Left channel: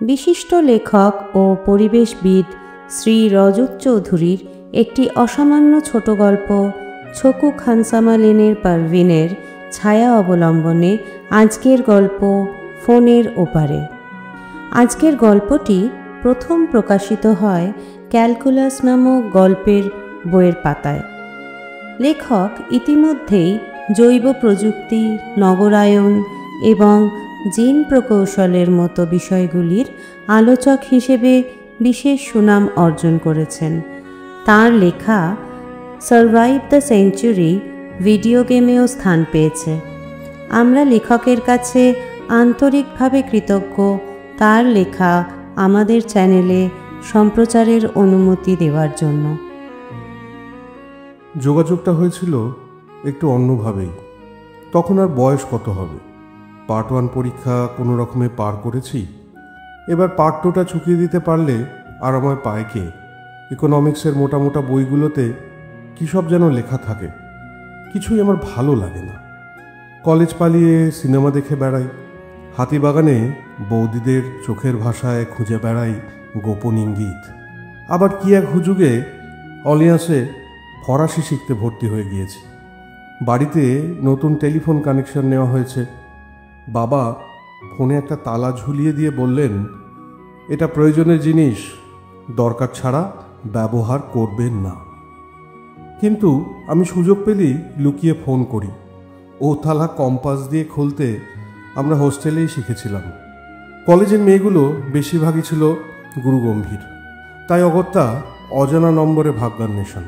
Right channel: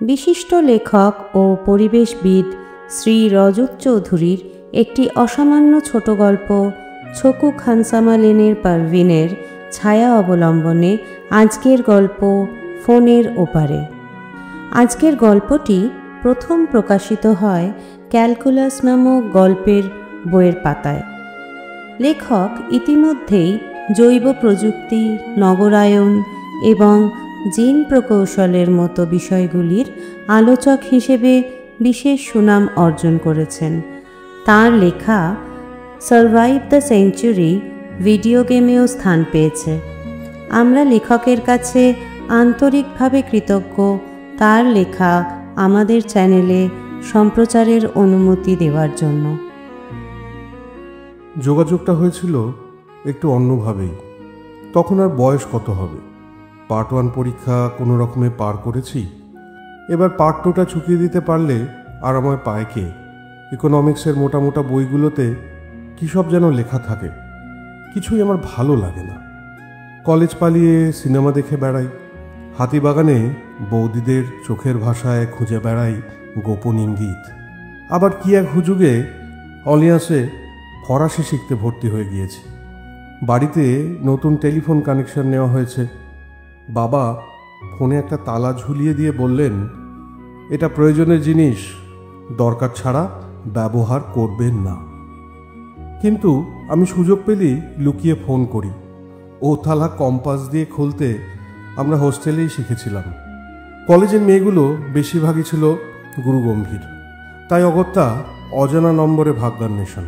বিশিষ্ট লেখক ও পরিবেশবিদ শ্রী রজত চৌধুরীর একটি অসামান্য ছোট গল্প ছকু খানসামা লেনের পারভিনের ছায়া অবলম্বনে আজকের গল্প ফোনের ওপারে। আজকের গল্পটি প্রথম প্রকাশিত হয় ক্যালকুলাস নামক গল্পের বইয়ের পাতায়। লেখক ইতিমধ্যেই জৈব প্রযুক্তি, নগরায়ন এবং জিন প্রকৌশলের মতো বিষয়গুলির আলোচক হিসেবে বিশেষ সুনাম অর্জন করেছেন। তাঁর লেখা সারভাইভ দ্য সেঞ্চুরি ভিডিও গেমেও স্থান পেয়েছে। আমরা লেখকের কাছে আন্তরিকভাবে কৃতজ্ঞ তার লেখা আমাদের চ্যানেলে সম্প্রচারের অনুমতি দেওয়ার জন্য। যোগাযোগটা হয়েছিল একটু অন্যভাবেই। তখন আর বয়স কত হবে, পার্ট 1 পরীক্ষা কোনো রকমে পার করেছি। এবার পার্ট 2টা চুকিয়ে দিতে পারলে আর আমার পায় কে? ইকোনমিক্সের মোটা মোটা বইগুলোতে কী সব যেন লেখা থাকে, কিছুই আমার ভালো লাগে না। কলেজ পালিয়ে সিনেমা দেখে বেড়াই, হাতিবাগানে বৌদিদের চোখের ভাষায় খুঁজে বেড়াই গোপন ইঙ্গিত। আবার কি এক হুজুগে অলিয়াসে ফরাসি শিখতে ভর্তি হয়ে গিয়েছি। বাড়িতে নতুন টেলিফোন কানেকশন নেওয়া হয়েছে। বাবা ফোনে একটা তালা ঝুলিয়ে দিয়ে বললেন, এটা প্রয়োজনের জিনিস, দরকার ছাড়া ব্যবহার করবেন না। কিন্তু আমি সুযোগ পেলেই লুকিয়ে ফোন করি। ও তালা কম্পাস দিয়ে খুলতে আমরা হোস্টেলেই শিখেছিলাম। কলেজের মেয়েগুলো বেশিরভাগই ছিল গুরুগম্ভীর, তাই অগত্যা অজানা নম্বরে ভাগ্যান্বেষণ।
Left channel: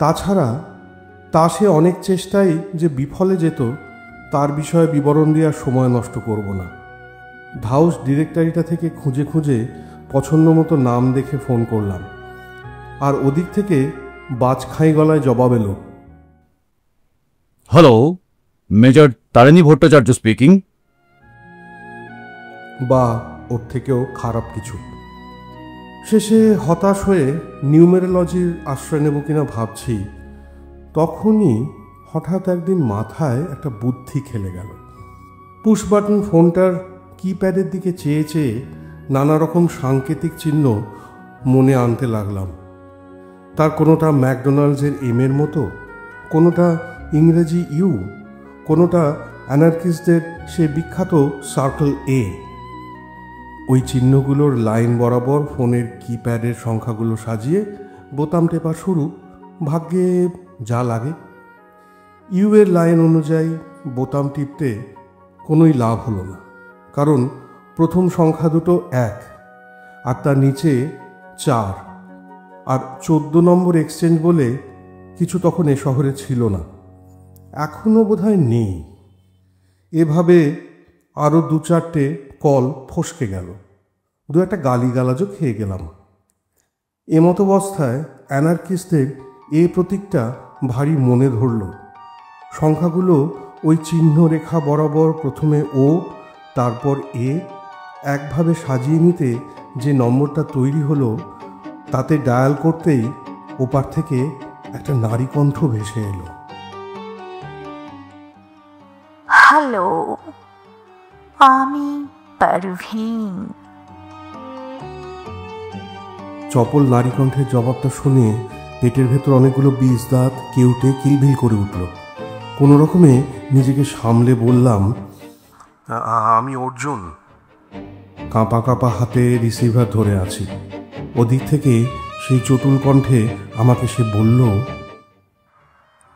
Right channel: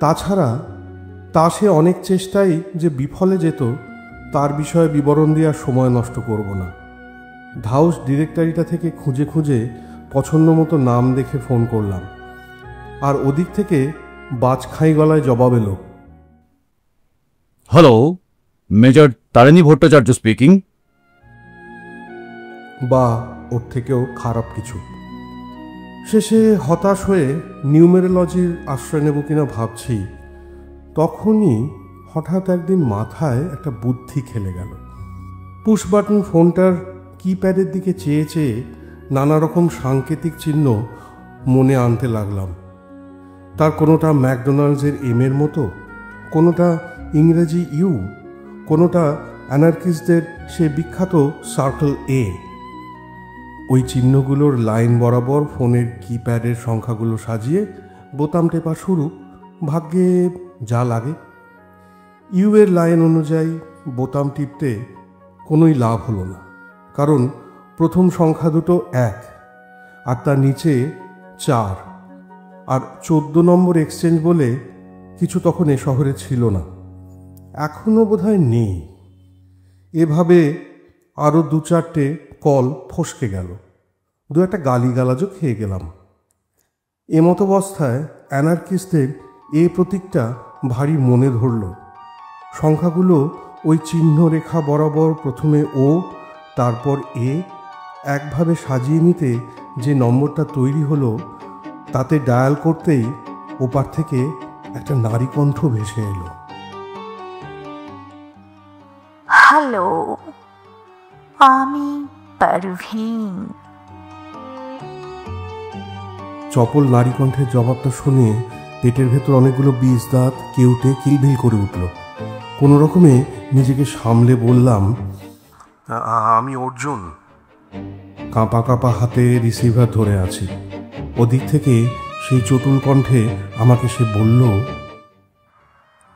তাছাড়া সে অনেক চেষ্টাই যে বিফলে যেত, তার বিষয়ে বিবরণ দেওয়ার সময় নষ্ট করব না। হাউস ডিরেক্টরিটা থেকে খুঁজে খুঁজে পছন্দ মতো নাম দেখে ফোন করলাম, আর ওদিক থেকে বাজখাই গলায় জবাব এলো, hello, major Tarini Bhattacharya speaking. বা ওর থেকেও খারাপ কিছু। শেষে হতাশ হয়ে নিউমেরোলজির আশ্রয় নেব কিনা ভাবছি, তখনই হঠাৎ একদিন মাথায় একটা বুদ্ধি খেলে গেল। পুশ বাটন ফোনটার কিপ্যাডের দিকে চেয়ে চেয়ে নানা রকম সাংকেতিক চিহ্ন মনে আনতে লাগলাম। তার কোনোটা ম্যাকডোনাল্ডসের এর মতো, কোনোটা ইংরেজি ইউ, কোনোটা অ্যানার্কিস্টদের সে বিখ্যাত সার্কেল এ। ওই চিহ্নগুলোর লাইন বরাবর ফোনের কিপ্যাডের সংখ্যাগুলো সাজিয়ে বোতাম টেপা শুরু। ভাগ্যে যা লাগে। ইউ এর লাইন অনুযায়ী বোতাম টিপতে কোনোই লাভ হলো না, কারণ প্রথম সংখ্যা দুটো 1 আর তার নিচে 4, আর 14 নম্বর এক্সচেঞ্জ বলে কিছু তখন এ শহরে ছিল না, এখনো বোধহয় নেই। এভাবে আরো 2-4টে কল ফসকে গেল, 2-একটা গালিগালাজও খেয়ে গেলাম। এমতো অবস্থায় অ্যানার্কিস্টদের এই প্রতীকটা ভারী মনে ধরল। সংখ্যাগুলো ওই চিহ্ন রেখা বরাবর প্রথমে ও, তারপর এ একভাবে সাজিয়ে নিতে যে নম্বরটা তৈরি হলো, তাতে ডায়াল করতেই ওপার থেকে একটা নারী কণ্ঠ ভেসে এলো, হ্যালো, আমি পারভিন। চপল নারী কণ্ঠের জবাবটা শুনে পেটের ভেতর অনেকগুলো বীজ দাঁত কেউটে কিলবিল করে উঠল। কোনো রকমে নিজেকে সামলে বললাম, আমি অর্জুন। কাঁপা কাঁপা হাতে রিসিভার ধরে আছি। ওদিক থেকে সেই চটুল কণ্ঠে আমাকে সে বলল,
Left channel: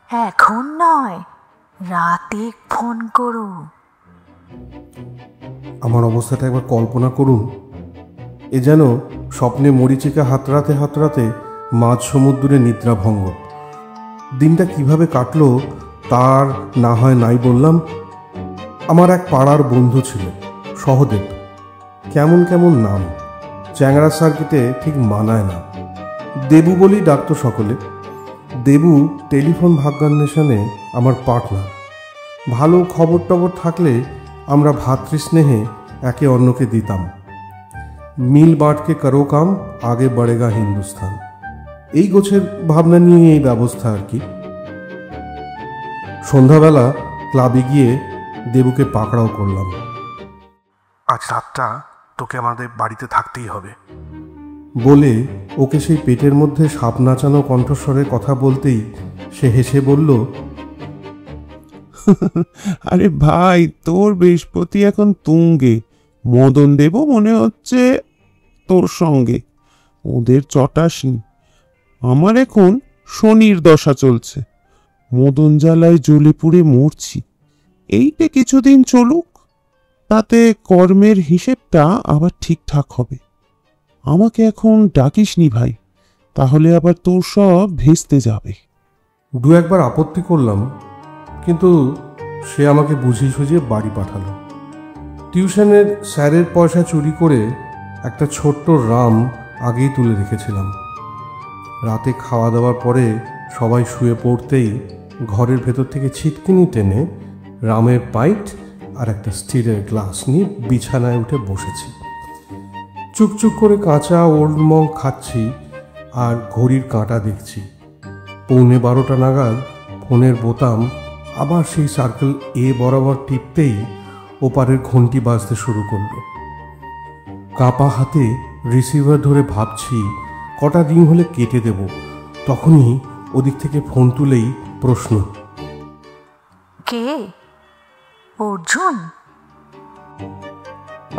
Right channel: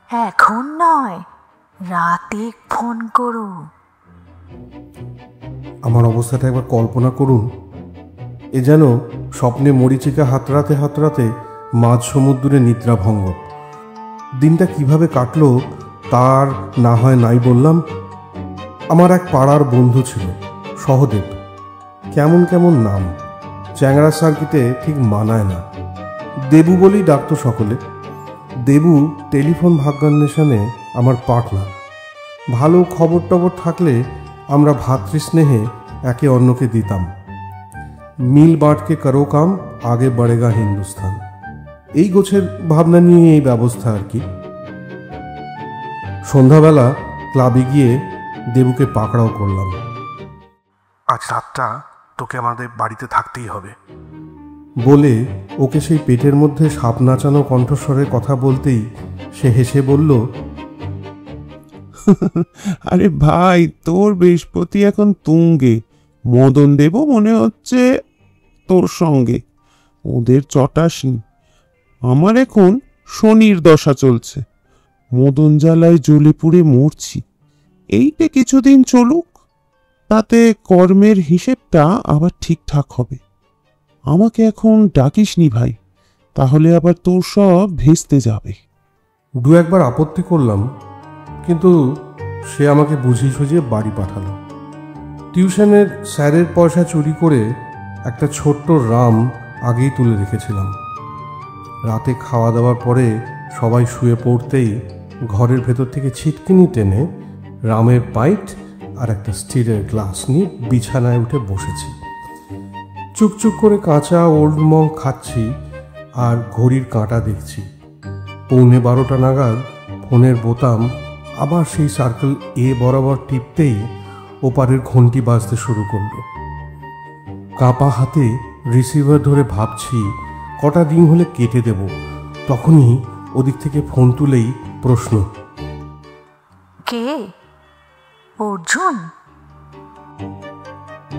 এখন নয়, রাতে ফোন করো। আমার অবস্থাটা একবার কল্পনা করুন। এ যেন স্বপ্নে মরীচিকা হাতড়াতে হাতড়াতে মাঝ সমুদ্রে নিদ্রাভঙ্গ। দিনটা কিভাবে কাটলো তার না হয় নাই বললাম। আমার এক পাড়ার বন্ধু ছিল, সহদেব। কেমন কেমন নাম, চ্যাংড়া সার্কিটে ঠিক মানায় না। দেবু বলেই ডাকতো সকলে। দেবু টেলিফোন ভাগ্যান্বেষণে আমার পার্টনার। ভালো খবর টবর থাকলে আমরা ভাতৃস্নেহে একে অন্যকে দিতাম। মিল বাঁটকে করো কাম, আগে বড়েগা হিন্দুস্তান, এই গোছের ভাবনা নিয়ে এই ব্যবস্থা আর কি। সন্ধ্যাবেলা ক্লাবে গিয়ে দেবুকে পাকড়াও করলাম। আজ রাতটা তোকে আমাদের বাড়িতে থাকতেই হবে বলে ওকে সেই পেটের মধ্যে সাপ নাচানো কণ্ঠস্বরে কথা বলতেই সে হেসে বলল, আরে ভাই, তোর বৃহস্পতি এখন তুঙ্গে, মদন দেব মনে হচ্ছে তোর সঙ্গে, ওদের চটাসনি। আমার এখন শনির দশা চলছে, মদন জ্বালায় জ্বলে পুড়ে মরছি। এইটা কিছুদিন চলুক, তাতে কর্মের হিসেবটা আবার ঠিকঠাক হবে। আমাকে এখন ডাকিসনি ভাই, তাহলে আবার তোর সব ভেস্তে যাবে। দু একবার আপত্তি করলাম, কিন্তু সে আমাকে বুঝিয়ে সুঝিয়ে বাড়ি পাঠালো। টিউশনের স্যারের পয়সা চুরি করে একটা ছোট্ট রাম আগেই তুলে রেখেছিলাম। রাতে খাওয়া দাওয়ার পরে সবাই শুয়ে পড়তেই ঘরের ভেতর থেকে ছিটকিনি টেনে রামের পাইট আর একটা স্টিলের গ্লাস নিয়ে বিছানায় উঠে বসেছি। চুপচুপ করে কাঁচা ওলমং খাচ্ছি আর ঘড়ির কাঁটা দেখছি। 11:15 নাগাদ ফোনের বোতাম আবার সেই সার্কেল এ বরাবর টিপতেই ওপারের ঘন্টি বাজতে শুরু করল। কাঁপা হাতে রিসিভার ধরে ভাবছি কটা দিন হলে কেটে দেব। তখনই ওদিক থেকে ফোন তুলেই প্রশ্ন, কে? অর্জুন?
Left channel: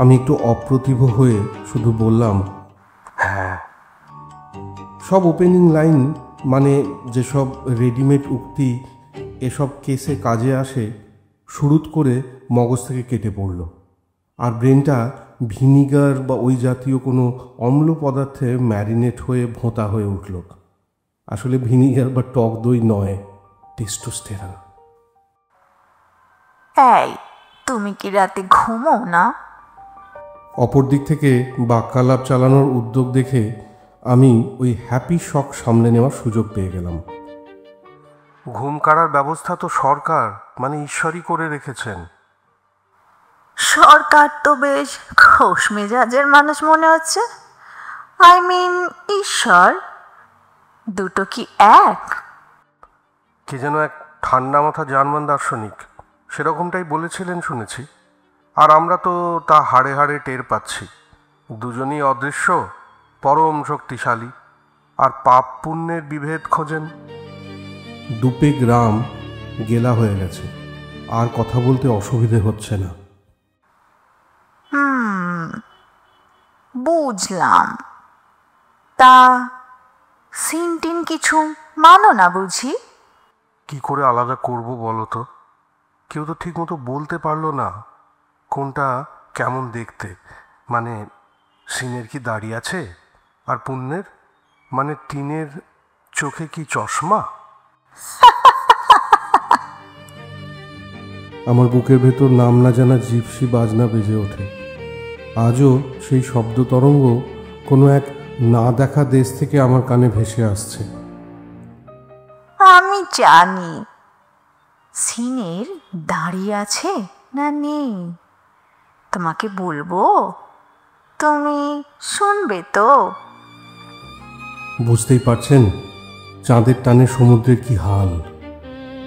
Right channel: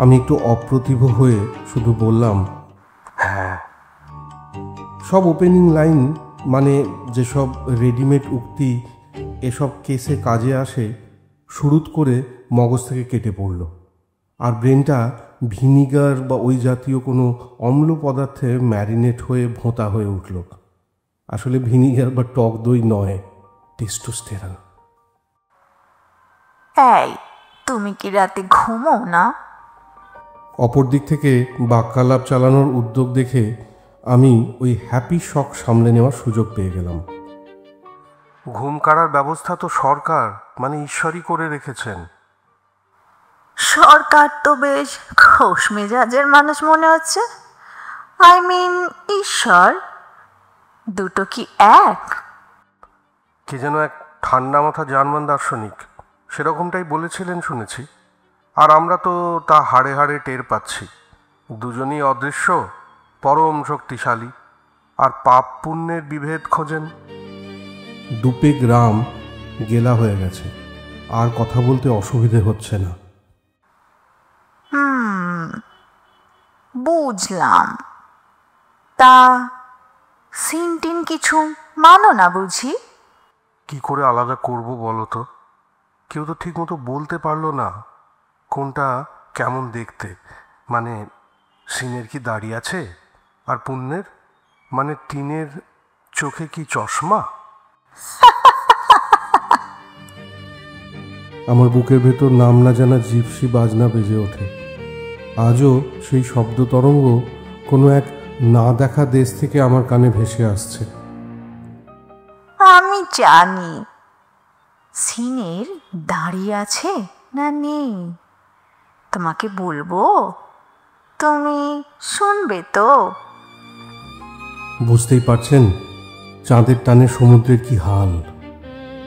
আমি একটু অপ্রতিভ হয়ে শুধু বললাম, হ্যাঁ। সব ওপেনিং লাইন, মানে যেসব রেডিমেড উক্তি এসব কেসে কাজে আসে, শুরুত করে মগজ থেকে কেটে পড়ল। আর ব্রেনটা ভিনিগার বা ওই জাতীয় কোনো অম্ল পদার্থে ম্যারিনেট হয়ে ভোঁতা হয়ে উঠল। আসলে ভিনিগার বা টক দই নয়, টেস্টোস্টেরন। এই, তুমি কি রাতে ঘুমো না? অপর দিক থেকে বাক্যালাপ চালানোর উদ্যোগ দেখে আমি ওই হ্যাপি শক সামলে নেওয়ার সুযোগ পেয়ে গেলাম। ঘুম কাড়ার ব্যবস্থা তো সরকার, মানে ঈশ্বরই করে রেখেছেন। সরকার তো বেশ খোশ মেজাজের মানুষ মনে হচ্ছে। আই মিন ঈশ্বর, দুটো কি এক? কে যেন এক ঠান্ডা মাথা জার্মান দার্শনিক সেরকমটাই বলেছিলেন শুনেছি। আর আমরা তো তা হাড়ে হাড়ে টের পাচ্ছি। দুজনই অদৃশ্য, পরম শক্তিশালী, আর পাপ পুণ্যের বিভেদ খোঁজেন। দুপে গ্রাম গেলা হয়ে গেছে, আর কথা বলতে অসুবিধে হচ্ছে না। বুঝলাম। তা সিনটিন কিছু মানো না বুঝি? কি করে আলাদা করব বলো তো? কেউ তো ঠিক মতো বলতে পারলো না কোনটা কেমন দেখতে। মানে সিনের কি দাড়ি আছে, আর পুণ্যের মানে টিনের চোখে কি চশমা? আমার বুকের ভেতর নাম না জানা জিপসি বাজনা বেজে ওঠে। আজও সেই শব্দ তরঙ্গ কোনো এক না দেখা দেশ থেকে আমার কানে ভেসে আসছে। আমি জানি সিনের দাড়ি আছে না নেই, তোমাকে বলবো, তুমি শুনবে তো? বুঝতেই পারছেন চাঁদের টানে সমুদ্রের কি হাল।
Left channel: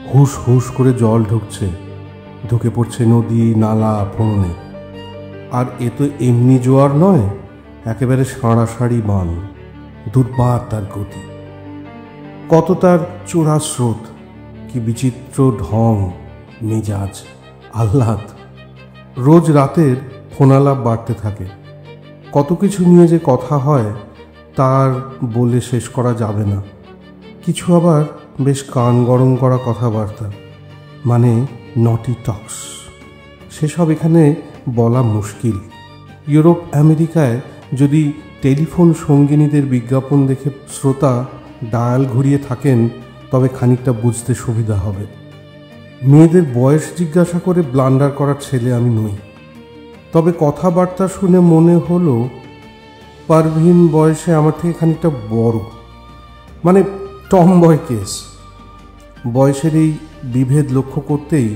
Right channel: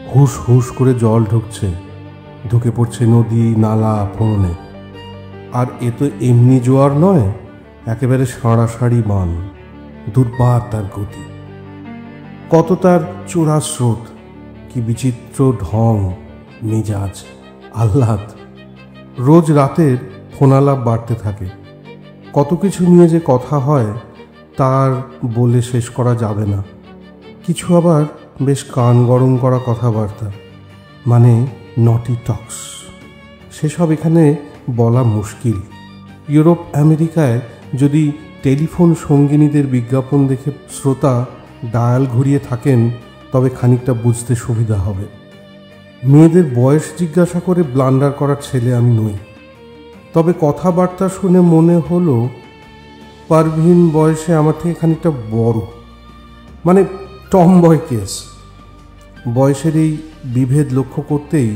হুস হুস করে জল ঢুকছে, ঢুকে পড়ছে নদী নালা ফোনে। আর এ তো এমনি জোয়ার নয়, একেবারে সাঁড়াসাঁড়ি মাল। দুর্বার তার গতি, কত তার চূড়া স্রোত, কি বিচিত্র ঢং, মেজাজ, আহ্লাদ। রোজ রাতের ফোনালাপ বাড়তে থাকে। কত কিছু নিয়ে যে কথা হয় তার বলে শেষ করা যাবে না। কিছু আবার বেশ কান গরম করা কথাবার্তা, মানে নটি টক্স, সেসব এখানে বলা মুশকিল। ইউরোপ আমেরিকায় যদি টেলিফোন সঙ্গিনীদের বিজ্ঞাপন দেখে শ্রোতা ডায়াল ঘুরিয়ে থাকেন তবে খানিকটা বুঝতে সুবিধা হবে। মেয়েদের বয়স জিজ্ঞাসা করে ব্লান্ডার করার ছেলে আমি নই। তবে কথাবার্তা শুনে মনে হলো পারভিন বয়সে আমার থেকে খানিকটা বড়, মানে টমবয় কেস। বয়সের এই বিভেদ লক্ষ্য করতেই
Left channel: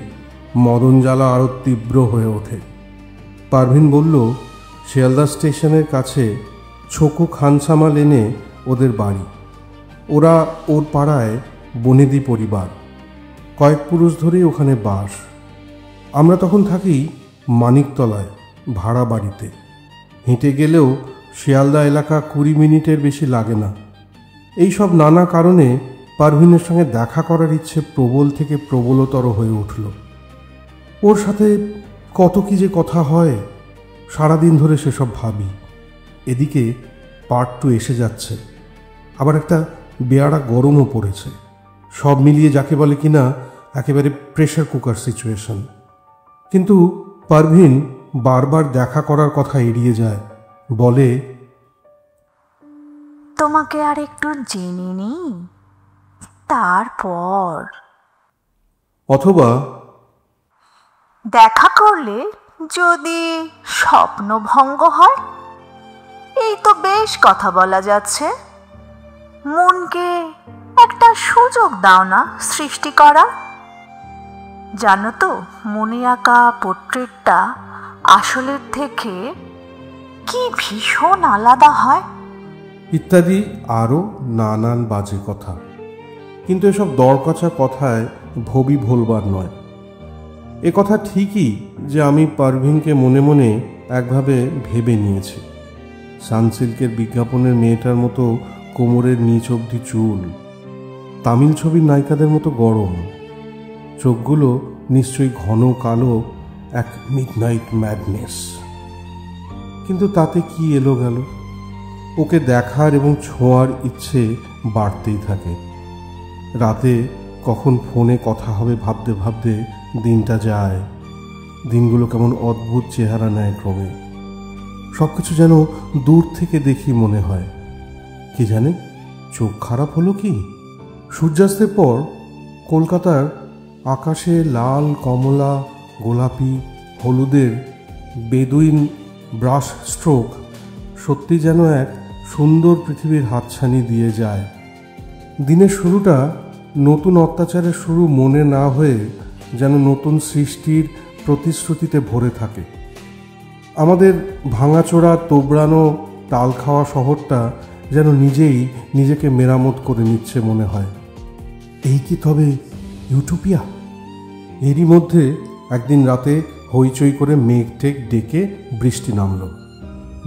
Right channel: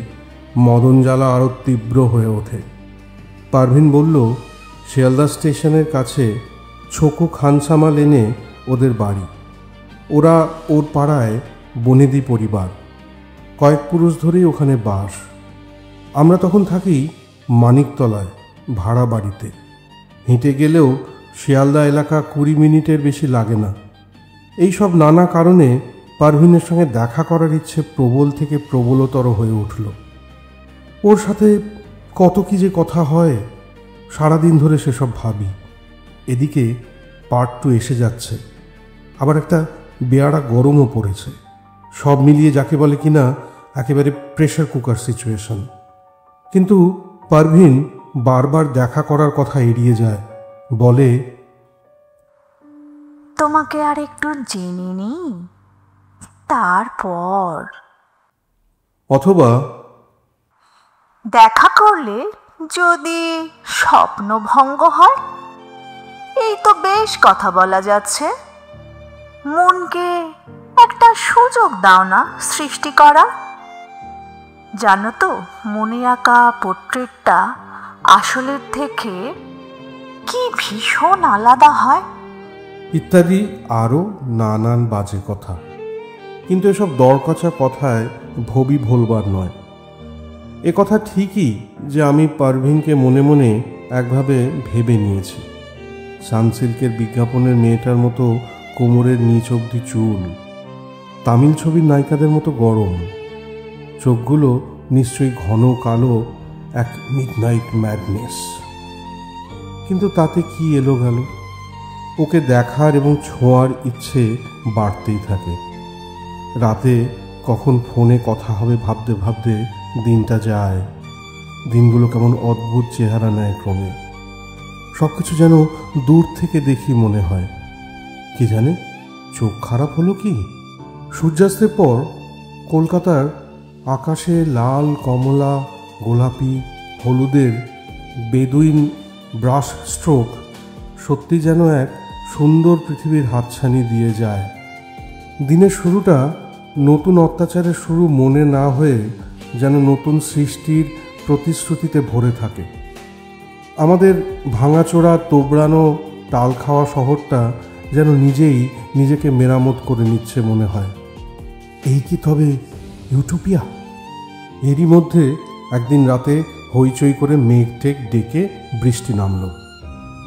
মদন জ্বালা আরো তীব্র হয়ে ওঠে। পারভিন বলল, শিয়ালদা স্টেশনের কাছে ছোকু খানসামা লেনে ওদের বাড়ি। ওরা ওর পাড়ায় বনেদি পরিবার, কয়েক পুরুষ ধরেই ওখানে বাস। আমরা তখন থাকি মানিকতলায় ভাড়া বাড়িতে। হেঁটে গেলেও শিয়ালদা এলাকা 20 মিনিটের বেশি লাগে না। এই সব নানা কারণে পারভিনের সঙ্গে দেখা করার ইচ্ছে প্রবল থেকে প্রবলতর হয়ে উঠল। ওর সাথে কত কি যে কথা হয়, সারাদিন ধরে সেসব ভাবি। এদিকে পার্ট 2 এসে যাচ্ছে, আবার একটা বেয়াড়া গরমও পড়েছে। সব মিলিয়ে যাকে বলে কিনা একেবারে প্রেশার কুকার সিচুয়েশন। কিন্তু পারভিন বারবার দেখা করার কথা এড়িয়ে যায়, বলে, তোমাকে আর একটু জেনে নিই তারপর। অথবা দেখা করলে যদি স্বপ্নভঙ্গ হয়, এই তো বেশ কথা বলা যাচ্ছে। মনকে একটা সুযোগ দাও না সৃষ্টি করার। জানো তো, মনে আঁকা পোর্ট্রেটটা আসলের থেকে কি ভীষণ আলাদা হয়। ইত্যাদি আরো নানান বাজে কথা। কিন্তু এসব দরকচা কথায় ভবি ভোলবার নয়। এ কথা ঠিকই যে আমি পারভিনকে মনে মনে একভাবে ভেবে নিয়েছি। সানসিল্কের বিজ্ঞাপনের মেয়েটার মতো কোমরের নিচ অবধি চুল, তামিল ছবির নায়িকাদের মতো গরম, চোখগুলো নিশ্চয়ই ঘন কালো, এক মিডনাইট ম্যাডনেস। কিন্তু তাতে কি এলো গেল? ওকে দেখার এবং ছোঁয়ার ইচ্ছে বাড়তেই থাকে। রাতে কখন ফোনে কথা হবে ভাবতে ভাবতে দিনটা যায়। দিনগুলো কেমন অদ্ভুত চেহারা নেয় ক্রমে। সবকিছু যেন দূর থেকে দেখি মনে হয়। কি জানে, চোখ খারাপ হলো কি? সূর্যাস্তের পর কলকাতার আকাশে লাল, কমলা, গোলাপি, হলুদের বেদুইন ব্রাশ স্ট্রোক সত্যি যেন এক সুন্দর পৃথিবীর হাতছানি দিয়ে যায়। দিনের শুরুটা নতুন অত্যাচারের শুরু মনে না হয়ে যেন নতুন সৃষ্টির প্রতিশ্রুতিতে ভরে থাকে। আমাদের ভাঙাচোরা, তোবড়ানো, টাল খাওয়া শহরটা যেন নিজেই নিজেকে মেরামত করে নিচ্ছে মনে হয়। এই কি তবে ইউটোপিয়া? এরই মধ্যে একদিন রাতে হইচই করে মেঘ টেক ডেকে বৃষ্টি নামল।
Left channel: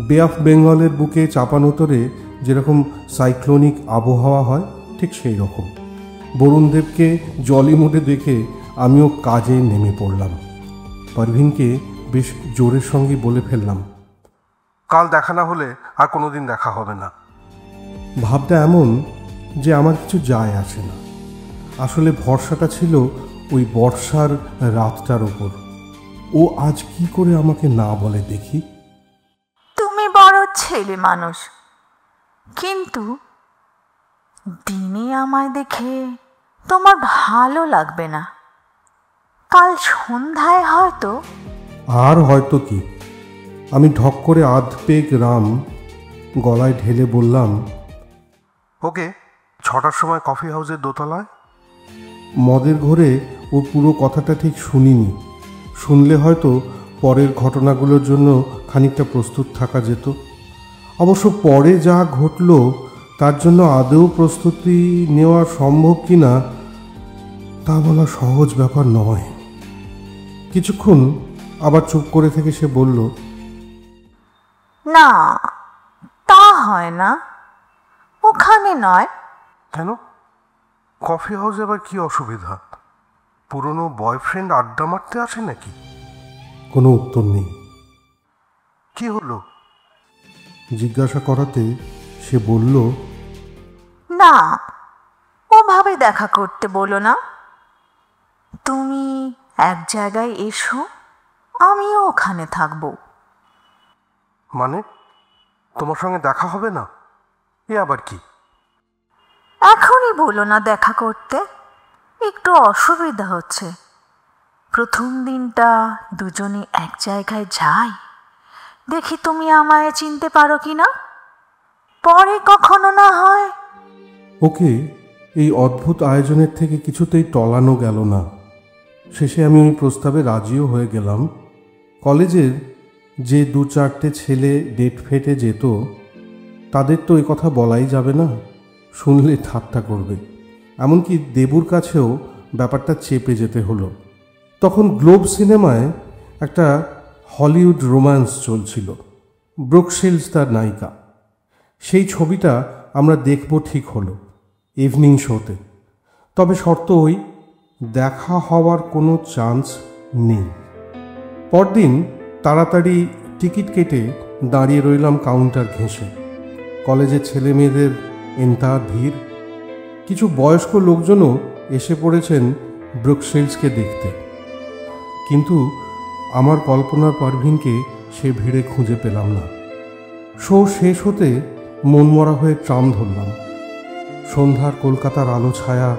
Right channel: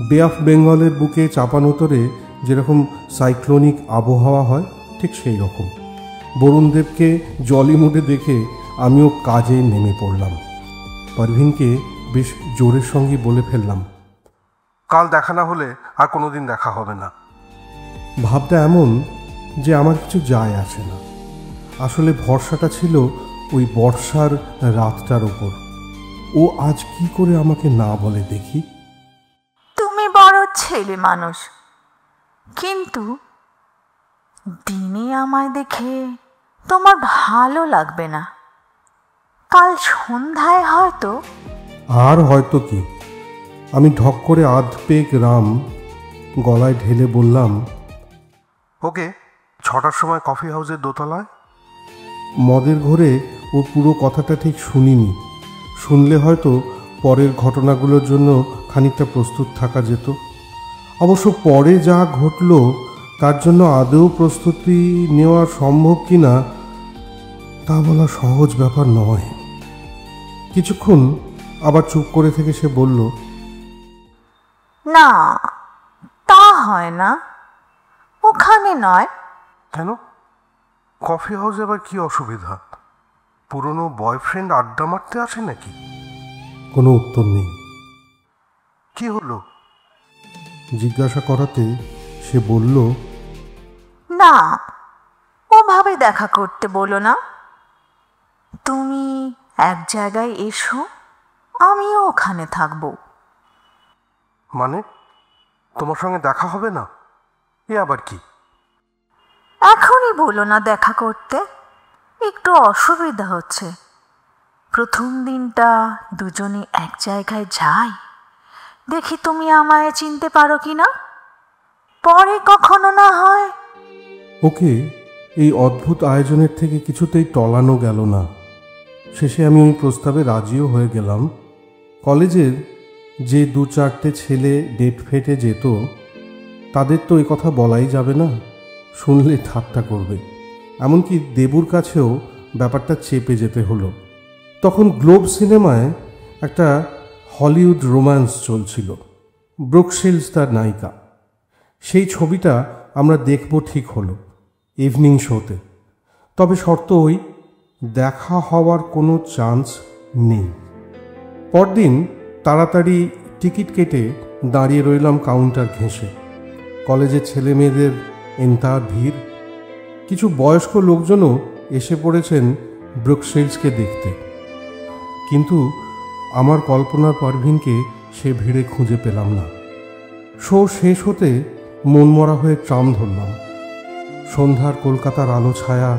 বে অফ বেঙ্গলের বুকে চাপানোতরে যেরকম সাইক্লোনিক আবহাওয়া হয়, ঠিক সেই রকম। বরুণদেবকে জলি মুডে দেখে আমিও কাজে নেমে পড়লাম। পারভিনকে বেশ জোরের সঙ্গে বলে ফেললাম, কাল দেখা না হলে আর কোনোদিন দেখা হবে না। ভাবটা এমন যে আমার কিছু যায় আসে না। আসলে ভরসাটা ছিল ওই বর্ষার রাতটার উপর। ও আজ কি করে আমাকে না বলে দেখি। তুমি বড় ছেলে মানুষ, কিন্তু দিনে আমায় দেখে তোমার ভালো লাগবে না। কাল সন্ধ্যায় হয়তো। আর হয়তো কি? আমি ঢক করে আধ পেগ রাম গলায় ঢেলে বললাম, ওকে 6টার সময় কফি হাউসের দোতলায়। মদের ঘরে ও পুরো কথাটা ঠিক শুনিনি। শুনলে হয়তো পরের ঘটনাগুলোর জন্য খানিকটা প্রস্তুত থাকা যেত। অবশ্য পরে যা ঘটল তার জন্য আদৌ প্রস্তুতি নেওয়া সম্ভব কিনা তা বলা সহজ ব্যাপার নয়। কিছুক্ষণ আবার চুপ করে থেকে সে বলল, না, তা হয় না, ওখানে নয়। কেন? কফি হাউসে আবার কি অসুবিধা? পুরনো বয়ফ্রেন্ড আড্ডা মারতে আসে নাকি? কোনো উত্তর নেই। কি হলো জিজ্ঞাসা করাতে সে বলল, না, ওভাবে দেখা করতে বলো না। তুমি এক জায়গায় এসো, আমিও ওখানে থাকবো। মানে তোমার সঙ্গে দেখা হবে না? এ আবার কি? এখনই বলো না দেখা করতে, একটু অসুবিধা হচ্ছে। প্রথম দিনটা দুজনে এক জায়গায় যাই, দেখি তুমি আমায় চিনতে পারো কি না। পরে কখনো না হয়। ওকে এই অদ্ভুত আয়োজনের থেকে কিছুতেই টলানো গেল না। শেষে আমি ওই প্রস্তাবে রাজিও হয়ে গেলাম। কলেজের যে 2-4টে ছেলে ডেট ফেটে যেত, তাদের তো এই কথা বলাই যাবে না, শুনলে ঠাট্টা করবে। এমনকি দেবুর কাছেও ব্যাপারটা চেপে যেতে হলো। তখন গ্লোব সিনেমায় একটা হলিউড রোম্যান্স চলছিল, ব্রুক শিল্ডস তার নায়িকা। সেই ছবিটা আমরা দেখব ঠিক হলো ইভিনিং শোতে। তবে শর্ত ওই, দেখা হওয়ার কোনো চান্স নেই। পরদিন তাড়াতাড়ি টিকিট কেটে দাঁড়িয়ে রইলাম কাউন্টার ঘেঁষে। কলেজের ছেলে মেয়েদের এন্তা ভিড়। কিছু বয়স্ক লোকজনও এসে পড়েছেন ব্রুক শিল্ডসকে দেখতে। কিন্তু আমার কল্পনার পারভিনকে সে ভিড়ে খুঁজে পেলাম না। শো শেষ হতে মনমরা হয়ে ট্রাম ধরলাম। সন্ধ্যার কলকাতার আলো ছায়া,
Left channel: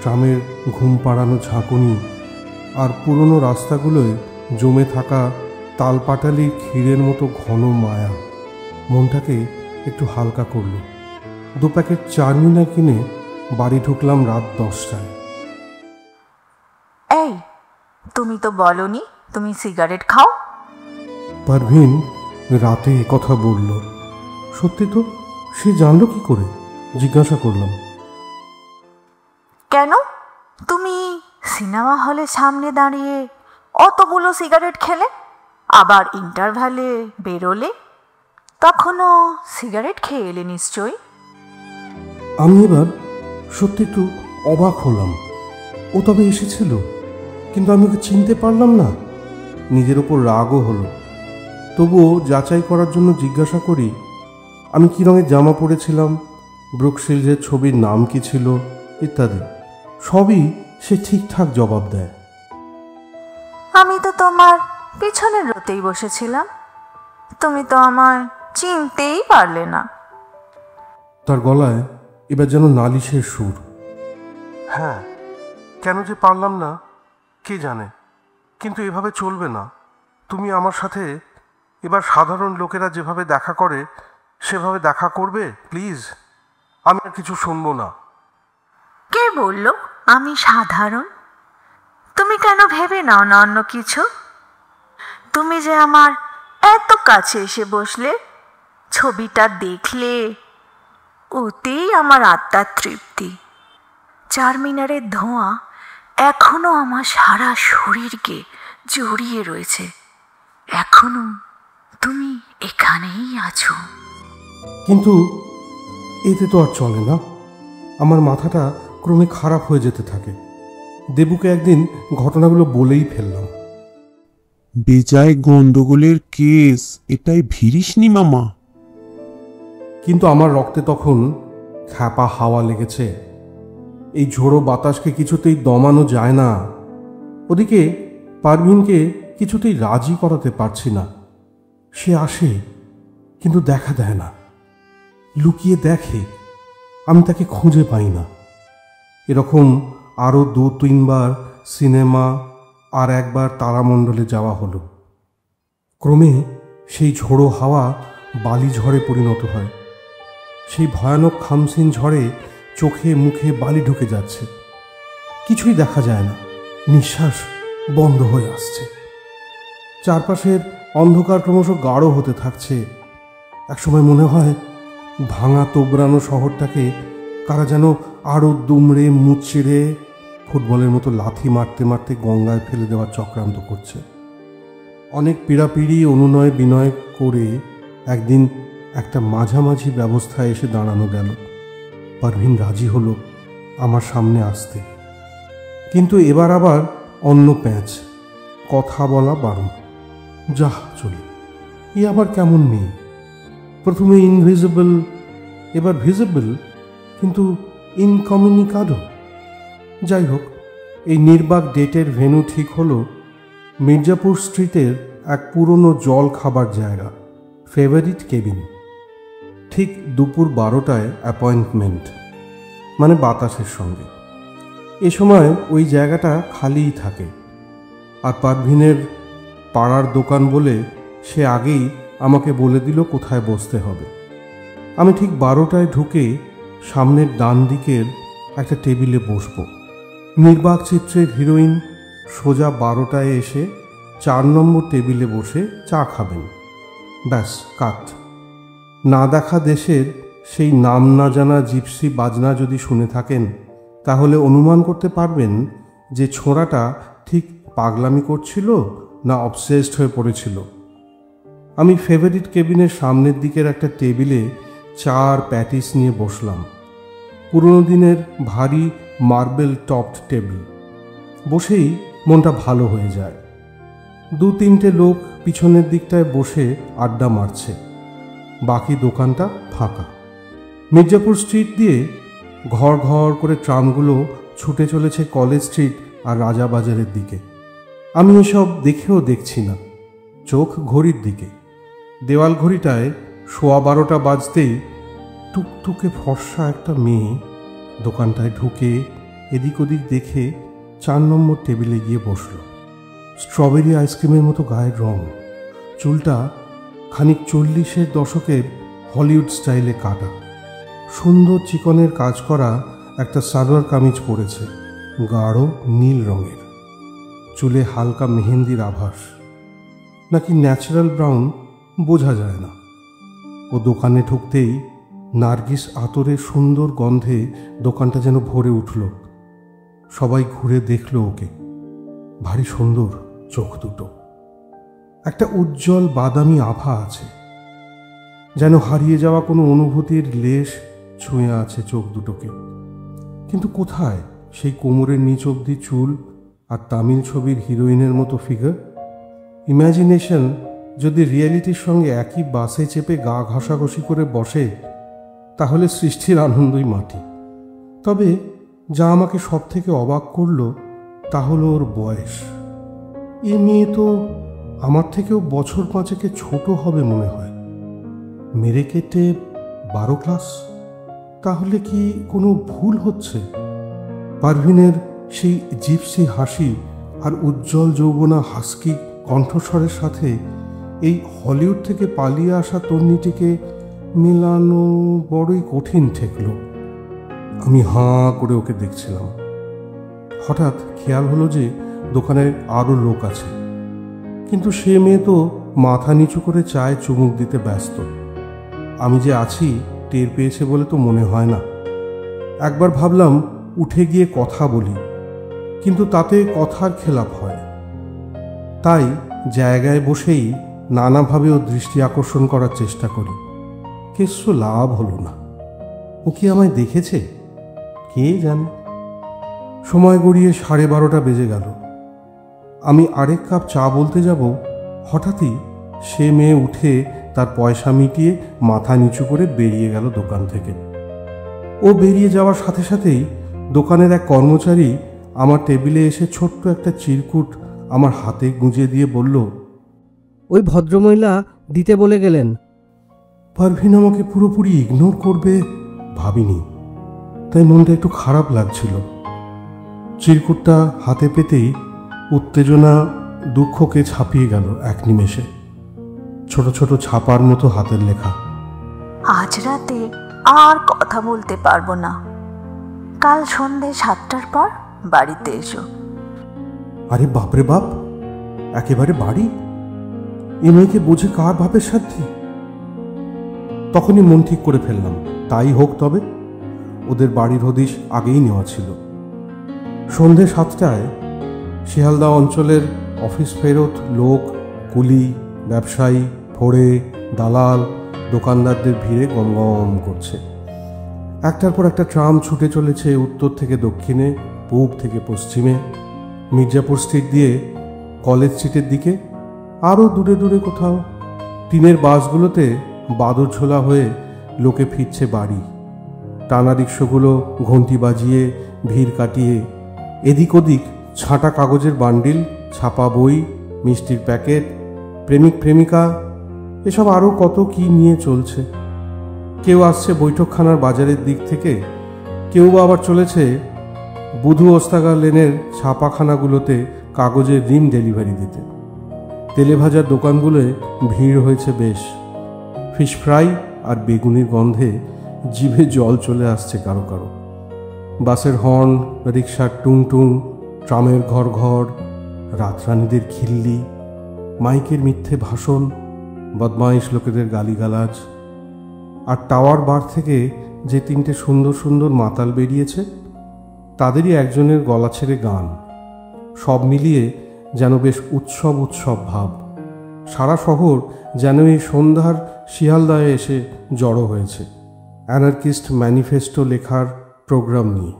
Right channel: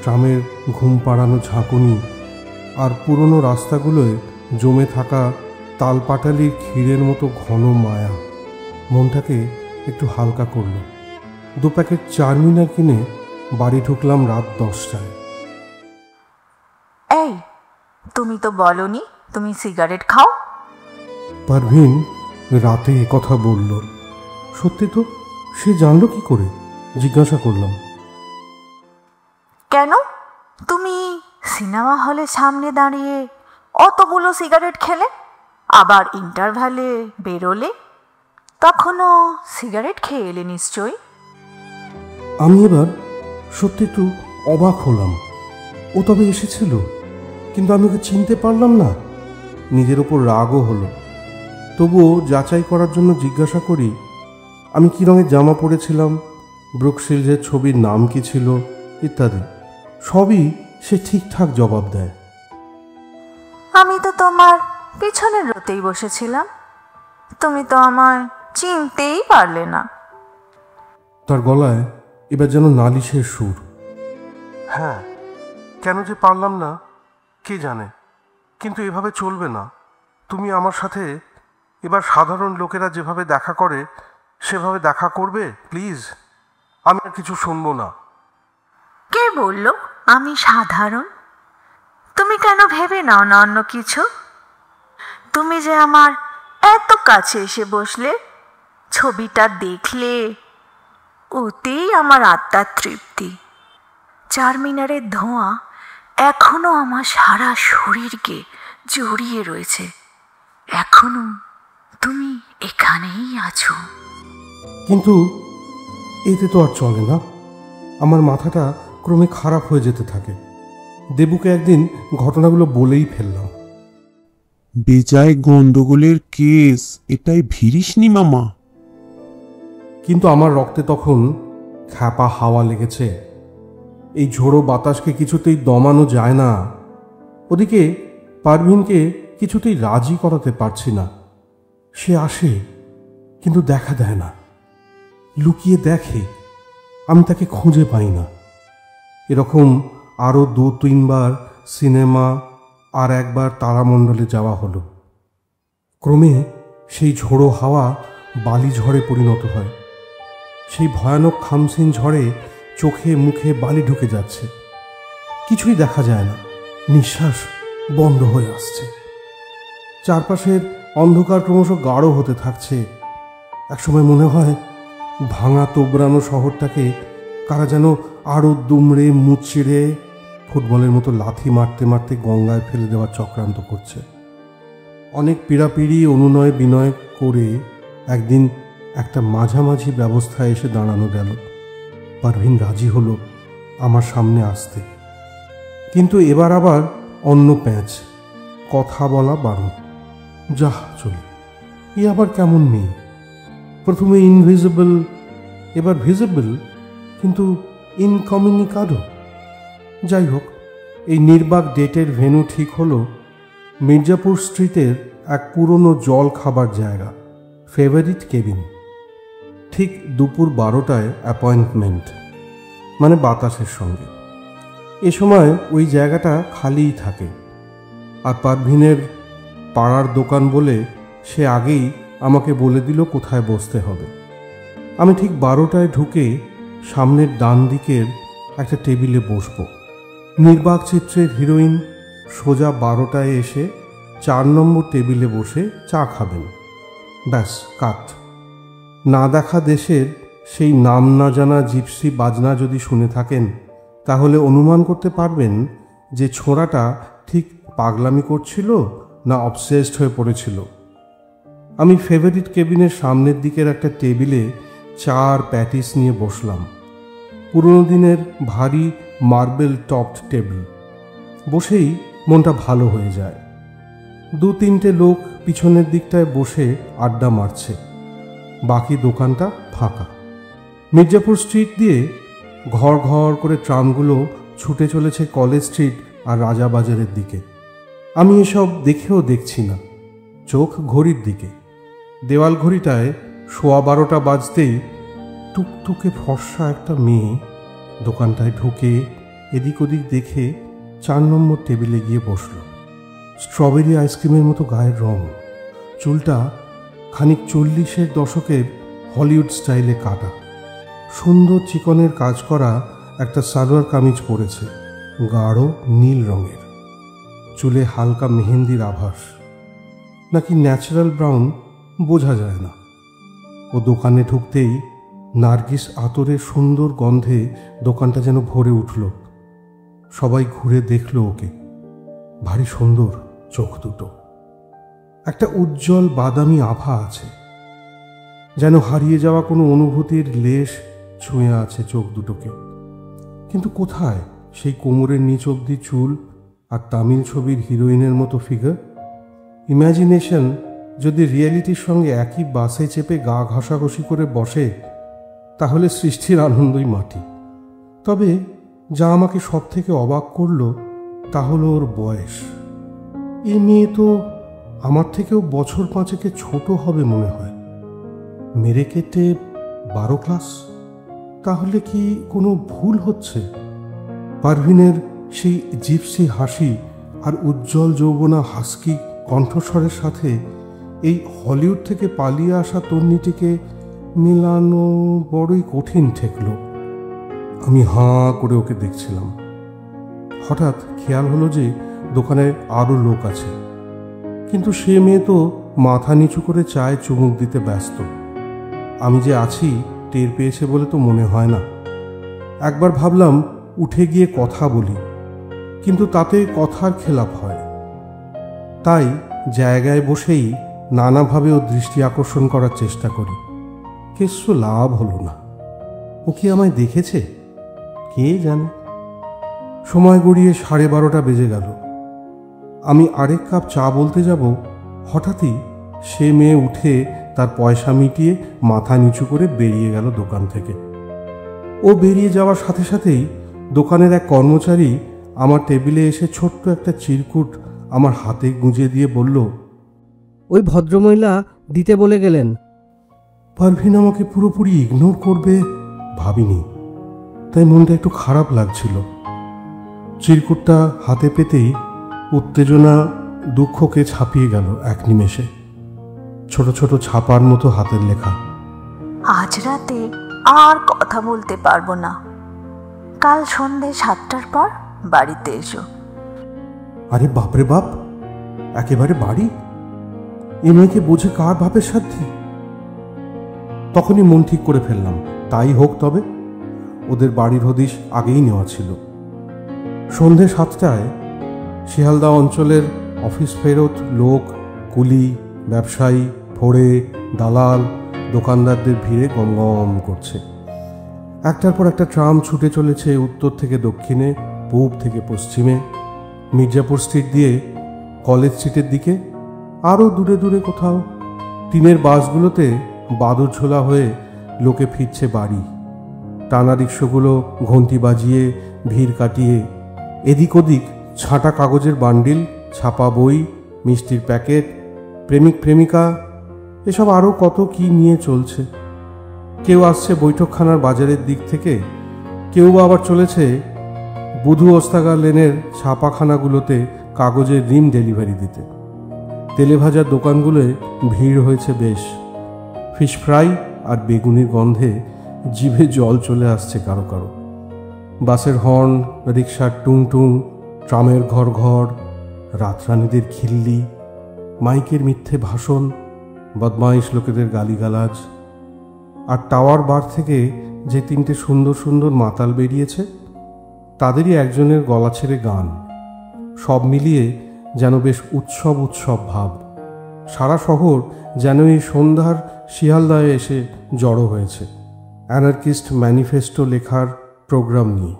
ট্রামের ঘুম পাড়ানো ঝাঁকুনি আর পুরনো রাস্তাগুলোয় জমে থাকা তালপাটালির ক্ষীরের মতো ঘন মায়া মনটাকে একটু হালকা করল। 2 প্যাকেট চারমিনার কিনে বাড়ি ঢুকলাম রাত 10টায়। এই, তুমি তো বলনি তুমি সিগারেট খাও। পারভিন রাতে কথা বলল। সত্যি তো? সে জানলো কি করে? জিজ্ঞাসা করলাম। কেন? তুমি সিনেমা হলের সামনে দাঁড়িয়ে অতগুলো সিগারেট খেলে, আবার ইন্টারভ্যালে বেরোলে, তখনও সিগারেট খেয়ে এলে নিশ্চয়ই। আমি এবার সত্যি একটু অবাক হলাম। ও তবে এসেছিল, কিন্তু আমি ওকে চিনতে পারলাম না। নিজের ওপর রাগও হলো। তবুও যাচাই করার জন্য জিজ্ঞাসা করি, আমি কী রঙের জামা পরেছিলাম, ব্রুক শিল্ডসের ছবির নাম কি ছিল ইত্যাদি। সবই সে ঠিকঠাক জবাব দেয়। আমি তো তোমার পিছনের রোতেই বসেছিলাম, তুমি তো আমায় চিনতেই পারলে না। তার গলায় এবার যেন নালিশের সুর। হ্যাঁ, কেন যে পারলাম না কে জানে, কিন্তু এভাবে চলবে না। তুমি আমার সাথে এবার সাধারণ লোকেরা যেভাবে দেখা করে সেভাবে দেখা করবে প্লিজ। আমি আর কিছু শুনবো না। কে বলল আমি সাধারণ? তুমি কেন ভেবে নাও না অন্য কিছু? তুমি যে আমার এত কাছে এসে বসলে, ছবিটা দেখলে, ওতেই আমার আত্মার তৃপ্তি। চারমিনারের ধোঁয়া এখনো আমার সারা শরীরকে জড়িয়ে রয়েছে। এখনো তুমি এখানেই আছো। কিন্তু এতে তো আর চলে না। আমার মাথাটা ক্রমে খারাপ হয়ে যেতে থাকে। দেবুকে একদিন ঘটনাগুলো বলেই ফেললাম। বেজায় গন্ডগোলের কেস, এটাই ভিড়িসনি মামা। কিন্তু আমার রক্তে তখন খ্যাপা হাওয়া লেগেছে। এই ঝোড়ো বাতাসকে কিছুতেই দমানো যায় না। ওদিকে পারভিনকে কিছুতেই রাজি করাতে পারছি না। সে আসে কিন্তু দেখা দেয় না, লুকিয়ে দেখে। আমি তাকে খুঁজে পাই না। এরকম আরও 2-3 বার সিনেমা আর একবার তারামণ্ডলে যাওয়া হলো। ক্রমে সেই ঝোড়ো হাওয়া বালি ঝড়ে পরিণত হয়। সেই ভয়ানক খামসিন ঝড়ে চোখে মুখে বালি ঢুকে যাচ্ছে। কিছুই দেখা যায় না, নিঃশ্বাস বন্ধ হয়ে আসছে। চারপাশের অন্ধকার ক্রমশ গাঢ় হতে থাকছে। একসময় মনে হয় ভাঙা তোবড়ানো শহরটাকে কারা যেন আরো দুমড়ে মুচড়ে ফুটবলের মতো লাথি মারতে মারতে গঙ্গায় ফেলে দেওয়ার চক্রান্ত করছে। অনেক পীড়াপিড়ি অনুনয় বিনয় করে একদিন একটা মাঝামাঝি ব্যবস্থায় এসে দাঁড়ানো গেল। পারভিন রাজি হলো আমার সামনে আসতে। কিন্তু এবার আবার অন্য প্যাঁচ, কথা বলা বারণ। যা চলে, এ আবার কেমন মেয়ে! প্রথমে ইনভিজিবল, এবার ভিজিবল, কিন্তু ইনকমিউনিকাডো। যাই হোক, এই নির্বাক ডেটের ভেন্যু ঠিক হলো মির্জাপুর স্ট্রিটের এক পুরনো জল খাবার জায়গা, ফেভারিট কেবিন। ঠিক দুপুর 12টায় অ্যাপয়েন্টমেন্ট, মানে বাতাসের সঙ্গে। এ সময় ওই জায়গাটা খালিই থাকে। আর পারভিনের পাড়ার দোকান বলে সে আগেই আমাকে বলে দিল কোথায় বসতে হবে। আমি ঠিক 12টায় ঢুকে সামনের ডান দিকের একটা টেবিলে বসবো। নির্বাক চিত্রের হিরোইন সোজা 12টায় এসে 4 নম্বর টেবিলে বসে চা খাবেন। ব্যাস কাট। না দেখা দেশের সেই নাম না জানা জিপসি বাজনা যদি শুনে থাকেন, তাহলে অনুমান করতে পারবেন যে ছোঁড়াটা ঠিক পাগলামি করছিল না অবসেসড হয়ে পড়েছিল। আমি ফেভারিট কেবিনের সামনের দিকের একটা টেবিলে 4 প্যাটিস নিয়ে বসলাম। পুরোনো দিনের ভারী মার্বেল টপড টেবিল। বসেই মনটা ভালো হয়ে যায়। 2-3টে লোক পিছনের দিকটায় বসে আড্ডা মারছে। বাকি দোকানটা ফাঁকা। মির্জাপুর স্ট্রিট দিয়ে ঘর ঘর করে ট্রামগুলো ছুটে চলেছে কলেজ স্ট্রিট আর রাজাবাজারের দিকে। আমি এসব দেখেও দেখছি না, চোখ ঘড়ির দিকে। দেওয়াল ঘড়িটায় 12:15 বাজতেই টুকটুকে ফর্সা একটা মেয়ে দোকানটায় ঢুকে এদিক ওদিক দেখে 4 নম্বর টেবিলে গিয়ে বসল। স্ট্রবেরি আইসক্রিমের মতো গায়ের রং, চুলটা খানিক 40-এর দশকের হলিউড স্টাইলে কাটা। সুন্দর চিকনের কাজ করা একটা সালোয়ার কামিজ পরেছে, গাঢ় নীল রঙের। চুলে হালকা মেহেন্দির আভাস, নাকি ন্যাচারাল ব্রাউন বোঝা যায় না। ও দোকানে ঢুকতেই নার্গিস আতরের সুন্দর গন্ধে দোকানটা যেন ভরে উঠল। সবাই ঘুরে দেখল ওকে। ভারী সুন্দর চোখ দুটো, একটা উজ্জ্বল বাদামি আভা আছে, যেন হারিয়ে যাওয়া কোনো অনুভূতির লেশ ছুঁয়ে আছে চোখ দুটোকে। কিন্তু কোথায় সেই কোমরের নিচ অব্দি চুল আর তামিল ছবির হিরোইনের মতো ফিগার? ইমাজিনেশন যদি রিয়েলিটির সঙ্গে একই বাসে চেপে গা ঘষাঘষি করে বসে, তাহলে সৃষ্টির আনন্দই মাটি। তবে যা আমাকে সব থেকে অবাক করল তা হলো ওর বয়স। এ মেয়ে তো আমার থেকেও বছর 5 ছোট হবে মনে হয়। মেরে কেটে 12 ক্লাস। তাহলে কি কোনো ভুল হচ্ছে? পারভিনের সেই জিপসি হাসি আর উজ্জ্বল যৌবনা হাস্কি কণ্ঠস্বরের সাথে এই হলিউড থেকে পালিয়ে আসা তরুণীটিকে মেলানো বড়ই কঠিন ঠেকল। আমি হাঁ করে ওকে দেখছিলাম। হঠাৎ খেয়াল হলো যে দোকানে আরো লোক আছে, কিন্তু সে মেয়ে তো মাথা নিচু করে চায়ে চুমুক দিতে ব্যস্ত। আমি যে আছি টের পেয়েছে বলে তো মনে হয় না। একবার ভাবলাম উঠে গিয়ে কথা বলি, কিন্তু তাতে কথার খেলাপ হয়। তাই জায়গায় বসেই নানাভাবে ওর দৃষ্টি আকর্ষণ করার চেষ্টা করি। কিছু লাভ হলো না। ও কি আমায় দেখেছে? কে জানে। সময় গড়িয়ে 12:30 বেজে গেল। আমি আরেক কাপ চা বলতে যাব, হঠাৎই সে মেয়ে উঠে তার পয়সা মিটিয়ে মাথা নিচু করে বেরিয়ে গেল দোকান থেকে। ও বেরিয়ে যাওয়ার সাথে সাথেই দোকানের এক কর্মচারী আমার টেবিলে এসে ছোট্ট একটা চিরকুট আমার হাতে গুঁজে দিয়ে বলল, ওই ভদ্রমহিলা দিতে বলে গেলেন। পারভিন আমাকে পুরোপুরি ইগনোর করবে ভাবিনি, তাই মনটা একটু খারাপ লাগছিল। চিরকুটটা হাতে পেতেই উত্তেজনা দুঃখকে ছাপিয়ে গেল এক নিমেষে। ছোট ছোট ছাপার মতো হাতের লেখা, আজ রাতে আর কথা বলতে পারবো না, কাল সন্ধে 7টার পর বাড়িতে এসো। আরে বাপরে বাপ, একেবারে বাড়ি? এ মেয়েকে বোঝে কার বাপের সাথে? তখনই মন ঠিক করে ফেললাম, তাই হোক। তবে ওদের বাড়ির হদিশ আগেই নেওয়া ছিল। সন্ধে 7টায় শিয়ালদা অঞ্চলের অফিস ফেরত লোক, কুলি, ব্যবসায়ী, ফোড়ে, দালাল, দোকানদারদের ভিড়ে গমগম করছে। একটার পর একটা ট্রাম ছুটে চলেছে উত্তর থেকে দক্ষিণে, পূব থেকে পশ্চিমে, মির্জাপুর স্ট্রিট দিয়ে কলেজ স্ট্রিটের দিকে, আরও দূরে দূরে কোথাও। টিনের বাসগুলোতে বাদর ঝোলা হয়ে লোকে ফিরছে বাড়ি। টানা রিক্সাগুলো ঘন্টি বাজিয়ে ভিড় কাটিয়ে এদিক ওদিক ছাটা কাগজের বান্ডিল, ছাপা বই, মিষ্টির প্যাকেট, প্রেমিক প্রেমিকা, এসব আরও কত কি নিয়ে চলছে। কেউ আসছে বৈঠকখানার বাজারের দিক থেকে, কেউ আবার চলেছে বুধু অস্তাগার লেনের ছাপাখানাগুলোতে কাগজের রিম ডেলিভারি দিতে। তেলেভাজার দোকানগুলোয় ভিড় হয়েছে বেশ। ফিশ ফ্রাই আর বেগুনের গন্ধে জিভে জল চলে আসছে কারো কারো। বাসের হর্ন, রিক্সার টুং টুং, ট্রামের ঘর ঘর, রাতরানীদের খিল্লি, মাইকের মিথ্যে ভাষণ, বদমাইশ লোকেদের গালিগালাজ, আর টাওয়ার বার থেকে যে 3টে সুন্দর সুন্দর মাতাল বেরিয়েছে তাদেরই একজনের গলা ছেড়ে গান। সব মিলিয়ে যেন বেশ উৎসব উৎসব ভাব। সারা শহর যেন এই সন্ধ্যার শিয়ালদায় এসে জড়ো হয়েছে অ্যানার্কিস্ট ম্যানিফেস্টো লেখার প্রোগ্রাম নিয়ে।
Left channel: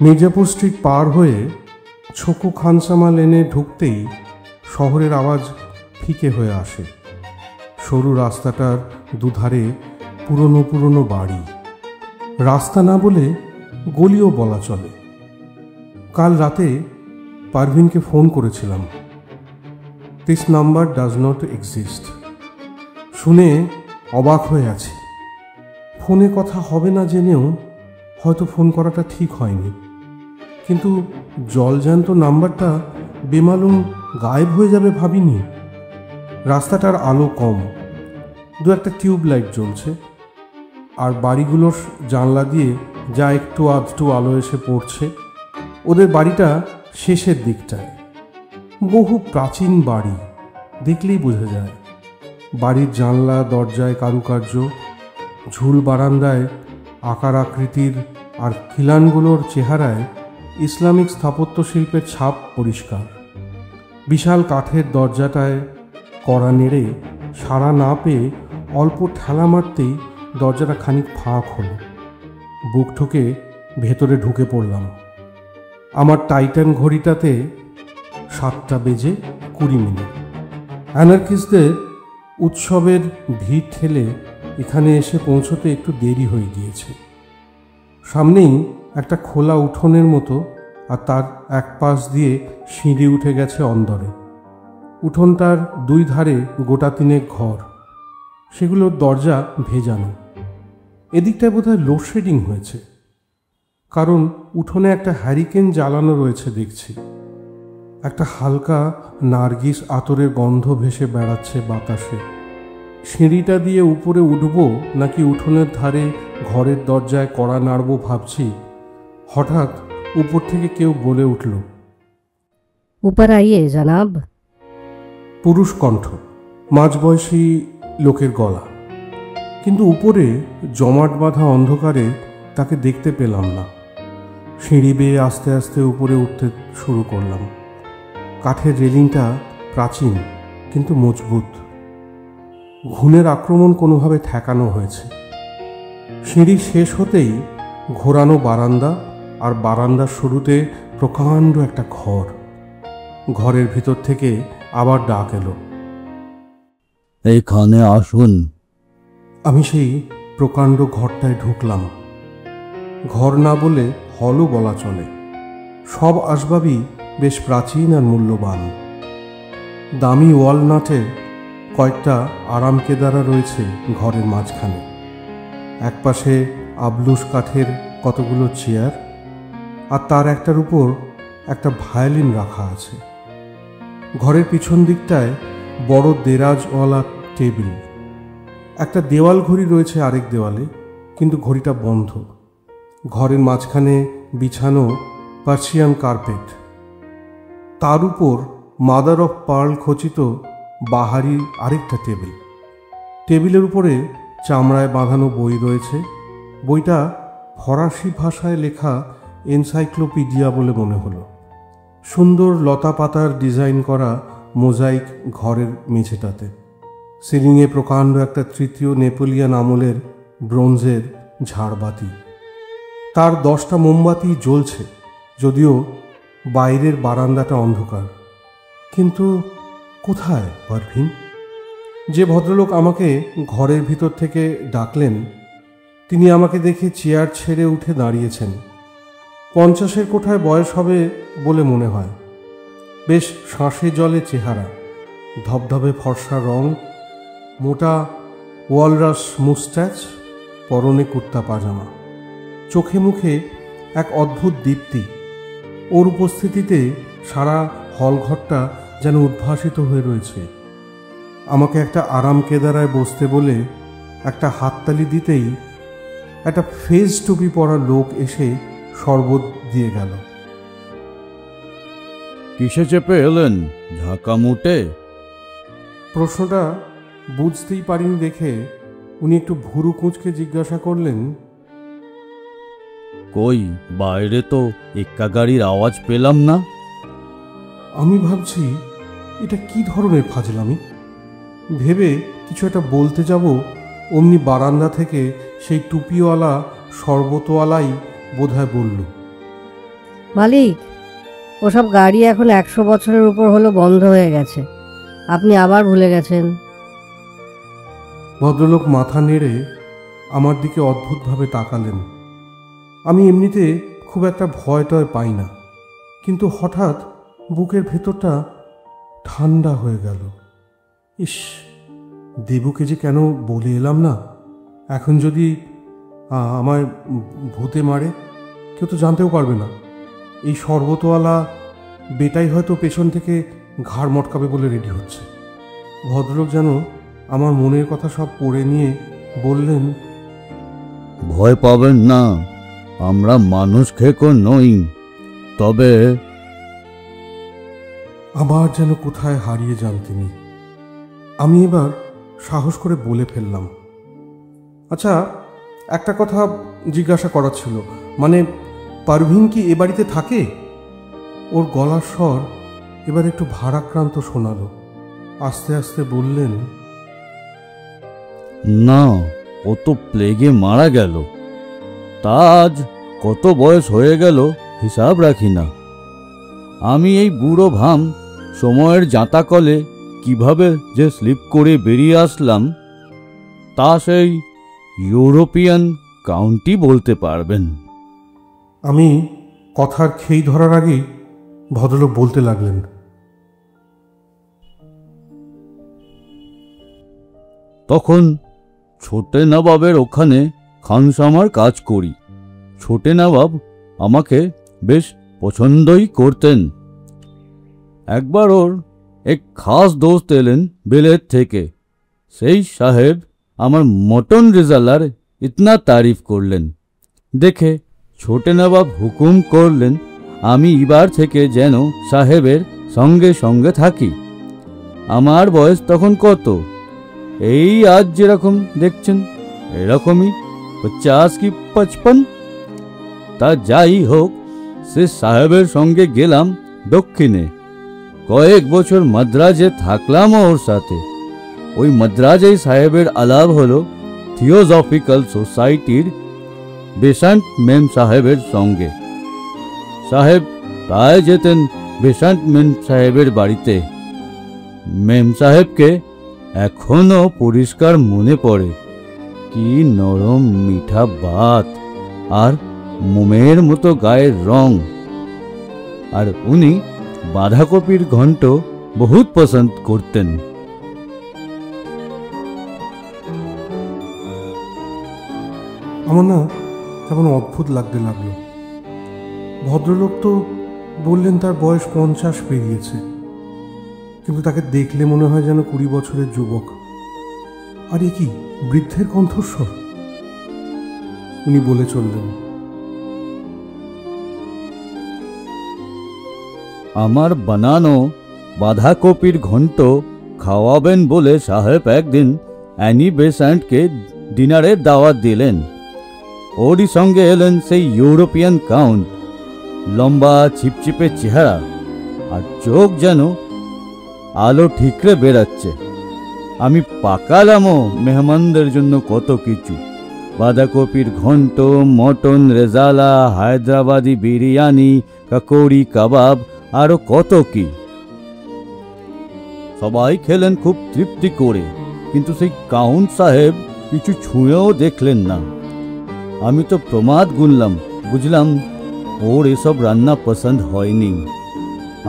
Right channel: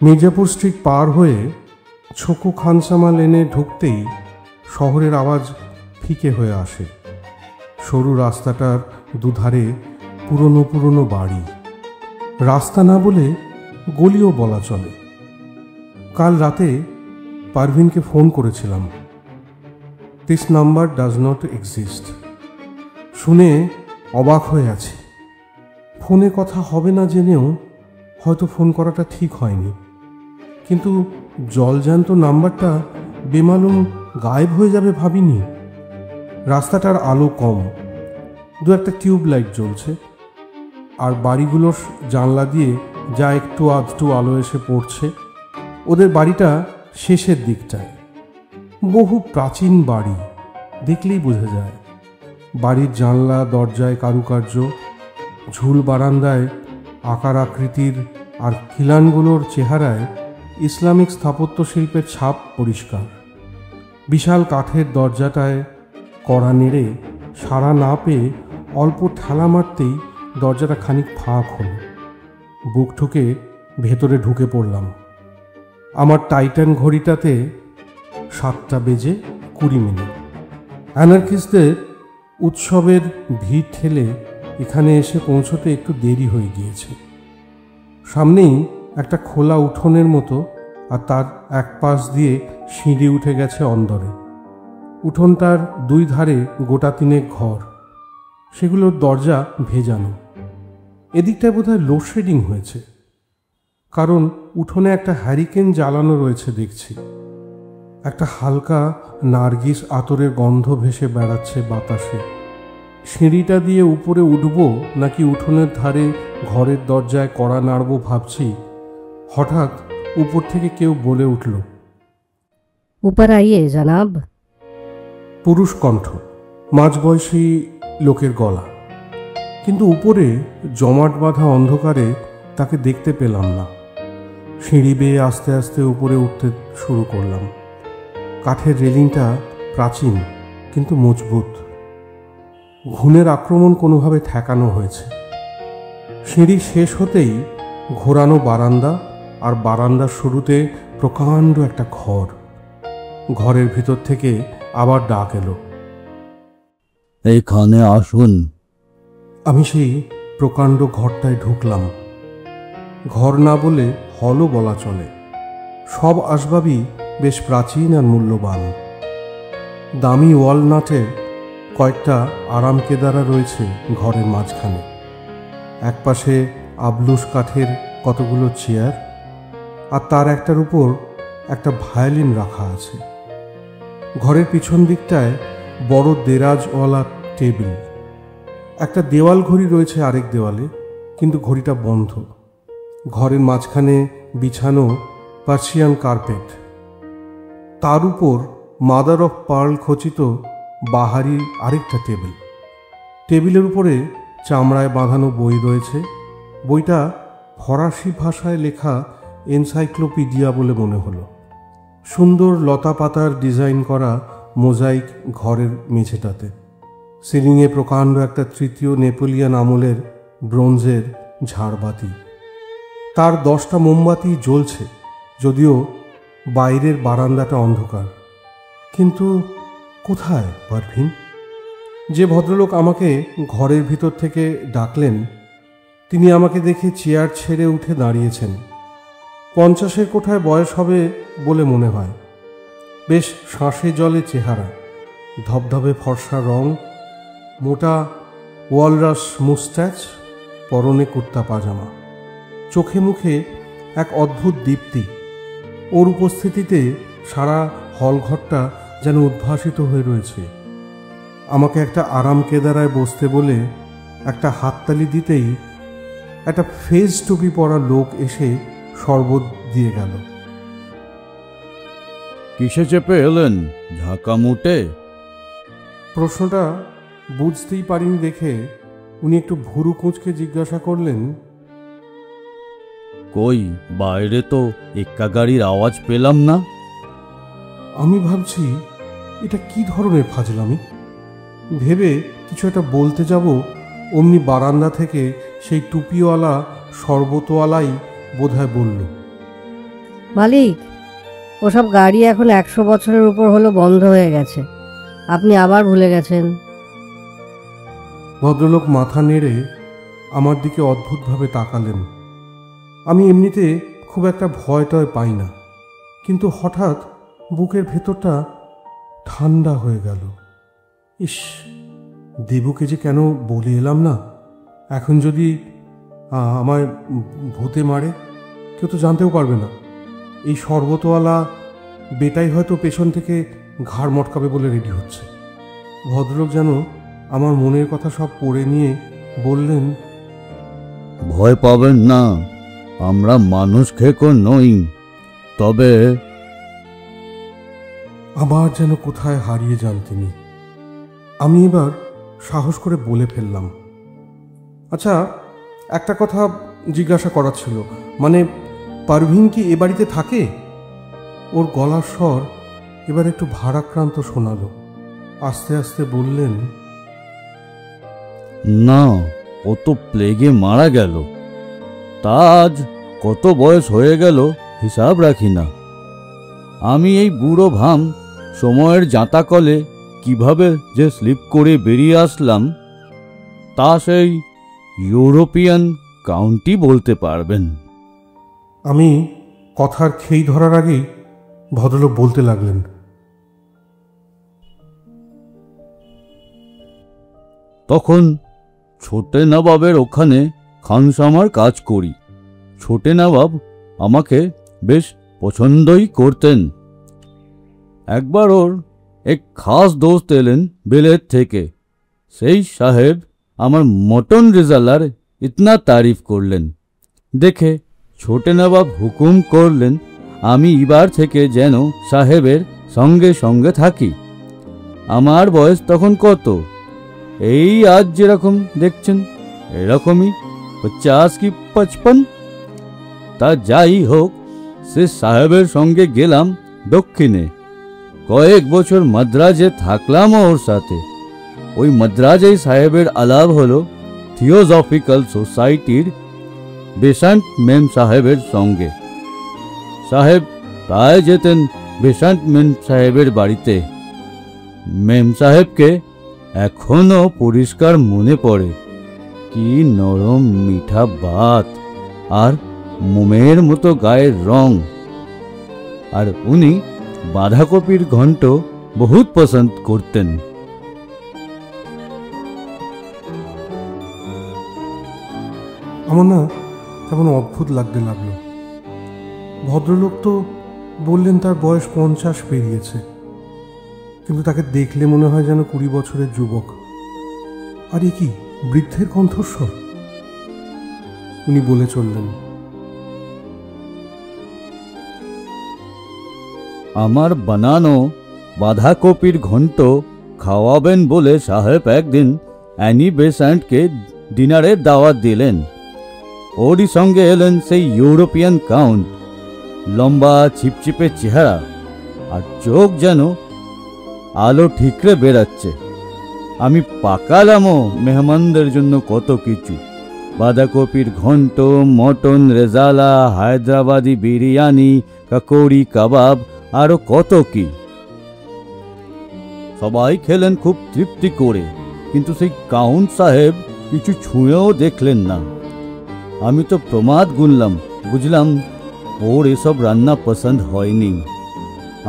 মির্জাপুর স্ট্রিট পার হয়ে ছকু খানসামা লেনে ঢুকতেই শহরের আওয়াজ ফিকে হয়ে আসে। সরু রাস্তাটার দুধারে পুরনো পুরনো বাড়ি, রাস্তা না বলে গলিও বলা চলে। কাল রাতে পারভিনকে ফোন করেছিলাম। This number does not exist. শুনে অবাক হয়ে আছি। ফোনে কথা হবে না জেনেও হয়তো ফোন করাটা ঠিক হয়নি, কিন্তু জলজ্যান্ত নাম্বারটা বেমালুম গায়েব হয়ে যাবে ভাবিনি। রাস্তাটার আলো কম, 2-1টা টিউব লাইট জ্বলছে, আর বাড়িগুলোর জানলা দিয়ে যা একটু আধটু আলো এসে পড়ছে। ওদের বাড়িটা শেষের দিকটায়, বহু প্রাচীন বাড়ি, দেখলেই বোঝা যায়। বাড়ির জানলা দরজায় কারুকার্য, ঝুল বারান্দায় আকার আকৃতির, আর খিলানগুলোর চেহারায় ইসলামিক স্থাপত্য শিল্পের ছাপ পরিষ্কার। বিশাল কাঠের দরজাটায় কড়া নেড়ে সাড়া না পেয়ে অল্প ঠেলা মারতেই দরজাটা খানিক ফাঁক হলো। বুক ঠুকে ভেতরে ঢুকে পড়লাম। আমার টাইটান ঘড়িটাতে 7:20 অ্যানার্কিস্টদের উৎসবের ভিড় ঠেলে এখানে এসে পৌঁছতে একটু দেরি হয়ে গিয়েছে। সামনেই একটা খোলা উঠোনের মতো, আর তার এক পাশ দিয়ে সিঁড়ি উঠে গেছে অন্দরে। উঠোনটার 2 ধারে গোটা 3 ঘর, সেগুলোর দরজা ভেজানো। এদিকটায় বোধহয় লোডশেডিং হয়েছে, কারণ উঠোনে একটা হ্যারিকেন জ্বালানো রয়েছে দেখছি। একটা হালকা নার্গিস আতরের গন্ধ ভেসে বেড়াচ্ছে বাতাসে। সিঁড়িটা দিয়ে উপরে উঠব নাকি উঠোনের ধারে ঘরের দরজায় কড়া নাড়ব ভাবছি, হঠাৎ উপর থেকে কেউ বলে উঠল, ऊपर आइए जनाब। পুরুষ কণ্ঠ, মাঝবয়সী লোকের গলা, কিন্তু উপরে জমাট বাঁধা অন্ধকারে তাকে দেখতে পেলাম না। সিঁড়ি বেয়ে আস্তে আস্তে উপরে উঠতে শুরু করলাম। কাঠের রেলিংটা প্রাচীন কিন্তু মজবুত, ঘুণের আক্রমণ কোনোভাবে ঠেকানো হয়েছে। সিঁড়ি শেষ হতেই ঘোরানো বারান্দা, আর বারান্দার শুরুতে প্রকাণ্ড একটা ঘর। ঘরের ভিতর থেকে আবার ডাক এলো, এইখানে আসুন। আমি সেই প্রকাণ্ড ঘরটায় ঢুকলাম। ঘর না বলে হলও বলা চলে। সব আসবাবই বেশ প্রাচীন আর মূল্যবান। দামি ওয়ালনাটের কয়েকটা আরাম কেদারা রয়েছে ঘরের মাঝখানে। একপাশে আবলুস কাঠের কতগুলো চেয়ার, আর তার একটার উপর একটা ভায়োলিন রাখা আছে। ঘরের পিছন দিকটায় বড় দেরাজওয়ালা টেবিল। একটা দেওয়াল ঘড়ি রয়েছে আরেক দেওয়ালে, কিন্তু ঘড়িটা বন্ধ। ঘরের মাঝখানে বিছানো পার্সিয়ান কার্পেট, তার উপর মাদার অফ পার্ল খচিত বাহারি আরেকটা টেবিল। টেবিলের উপরে চামড়ায় বাঁধানো বই রয়েছে। বইটা ফরাসি ভাষায় লেখা এনসাইক্লোপিডিয়া বলে মনে হলো। সুন্দর লতা পাতার ডিজাইন করা মোজাইক ঘরের মেঝেটাতে। সিলিংয়ে প্রকাণ্ড একটা 3য় নেপোলিয়ান আমলের ব্রোঞ্জের ঝাড়বাতি। তার 10টা মোমবাতি জ্বলছে, যদিও বাইরের বারান্দাটা অন্ধকার। কিন্তু কোথায় পারভিন? যে ভদ্রলোক আমাকে ঘরের ভিতর থেকে ডাকলেন, তিনি আমাকে দেখে চেয়ার ছেড়ে উঠে দাঁড়িয়েছেন। 50-এর কোঠায় বয়স হবে বলে মনে হয়। বেশ শাঁসে জলে চেহারা, ধবধবে ফর্সা রং, মোটা ওয়ালরাস মুস্ট্যাচ, পরনে কুর্তা পাজামা। চোখে মুখে এক অদ্ভুত দীপ্তি। ওর উপস্থিতিতে সারা হলঘরটা যেন উদ্ভাসিত হয়ে রয়েছে। আমাকে একটা আরাম কেদারায় বসতে বলে একটা হাততালি দিতেই একটা ফেস টুপি পরা লোক এসে শরবত দিয়ে গেল। কিসে চেপে এলেন, ঝাঁকা মুটে? প্রশ্নটা বুঝতেই পারিনি দেখে উনি একটু ভুরু কুঁচকে জিজ্ঞাসা করলেন, কই বাইরে তো এক্কা গাড়ির আওয়াজ পেলাম না। আমি ভাবছি এটা কি ধরনের ফাজলামি। ভেবে কিছু একটা বলতে যাব, অমনি বারান্দা থেকে সেই টুপিওয়ালা শরবতওয়ালাই বোধহয় বলল, মালিক, ওসব গাড়ি এখন 100 বছরের উপর হলো বন্ধ হয়ে গেছে, আপনি আবার ভুলে গেছেন। ভদ্রলোক মাথা নেড়ে আমার দিকে অদ্ভুতভাবে তাকালেন। আমি এমনিতে খুব একটা ভয় টয় পাই না, কিন্তু হঠাৎ বুকের ভেতরটা ঠান্ডা হয়ে গেল। ইস, দেবুকে যে কেন বলে এলাম না। এখন যদি আমায় ভূতে মারে, কেউ তো জানতেও পারবে না। এই শরবতওয়ালা বেটাই হয়তো পেছন থেকে ঘাড় মটকাবে বলে রেডি হচ্ছে। ভদ্রলোক যেন আমার মনের কথা সব পড়ে নিয়ে বললেন, ভয় পাবেন না, আমরা মানুষ খেকো নই। তবে আবার যেন কোথায় হারিয়ে যান তিনি। আমি এবার সাহস করে বলে ফেললাম, আচ্ছা, একটা কথা জিজ্ঞাসা করার ছিল, মানে পারভিন কি এ বাড়িতে থাকে? ওর গলার স্বর এবার একটু ভারাক্রান্ত শোনালো। আস্তে আস্তে বললেন, না, ও তো প্লেগে মারা গেল। তা আজ কত বয়স হয়ে গেল হিসাব রাখি না। আমি এই বুড়ো ভাম সময়ের জাঁতাকলে কিভাবে যে স্লিপ করে বেরিয়ে আসলাম, তা সেই ইউরোপিয়ান কাউন্টি বলতে পারবেন। আমি কথার খেই ধরার আগেই ভদ্রলোক বলতে লাগলেন, তখন ছোটে নবাবের ওখানে খানসামার কাজ করি। ছোটে নবাব আমাকে বেশ পছন্দই করতেন। একবার ওর এক খাস দোস্ত এলেন বিলেত থেকে। সেই সাহেব আমার মটন রেজালার ইতনা তারিফ করলেন দেখে ছোটে নবাব হুকুম করলেন আমি এবার থেকে যেন সাহেবের সঙ্গে সঙ্গে থাকি। আমার বয়স তখন কত, এই আজ যেরকম দেখছেন এরকমই 50 কি 55। তা যাই হোক, সে সাহেবের সঙ্গে গেলাম দক্ষিণে। কয়েক বছর মাদ্রাজে থাকলাম ওর সাথে। ওই মাদ্রাজেই সাহেবের আলাপ হলো থিওজফিক্যাল সোসাইটির বেসান্ট মেম সাহেবের সঙ্গে। সাহেব প্রায় যেতেন বেসান্ট মেম সাহেবের বাড়িতে। মেম সাহেবকে এখনো পরিষ্কার মনে পড়ে। কি নরম মিঠা বাত আর মোমের মতো গায়ের রং। আর উনি বাঁধাকপির ঘন্ট বহুত পছন্দ করতেন। আমার না কেমন অদ্ভুত লাগতে লাগলো। ভদ্রলোক তো বললেন তার বয়স 50 পেরিয়েছে, কিন্তু তাকে দেখলে মনে হয় যেন 20 বছরের যুবক। আর এ কি বৃদ্ধের কণ্ঠস্বর? উনি বলে চললেন, আমার বানানো বাঁধাকপির ঘন্ট খাওয়াবেন বলে সাহেব একদিন অ্যানি বেসান্টকে ডিনারের দাওয়াত দিলেন। ওরই সঙ্গে এলেন সেই ইউরোপিয়ান কাউন্ট। লম্বা ছিপছিপে চেহারা আর চোখ যেন আলো ঠিকরে বেরাচ্ছে। আমি পাকালামও মেহমানদের জন্য কত কিছু, বাঁধাকপির ঘন্ট, মটন রেজালা, হায়দ্রাবাদি বিরিয়ানি, কাকড়ি কাবাব, আরো কত কি। সবাই খেলেন খুব তৃপ্তি করে, কিন্তু সেই কাউন্ট সাহেব কিছু ছুঁয়েও দেখলেন না। আমি তো প্রমাদ গুনলাম, বুঝলাম ওর এসব রান্না পছন্দ হয়নি।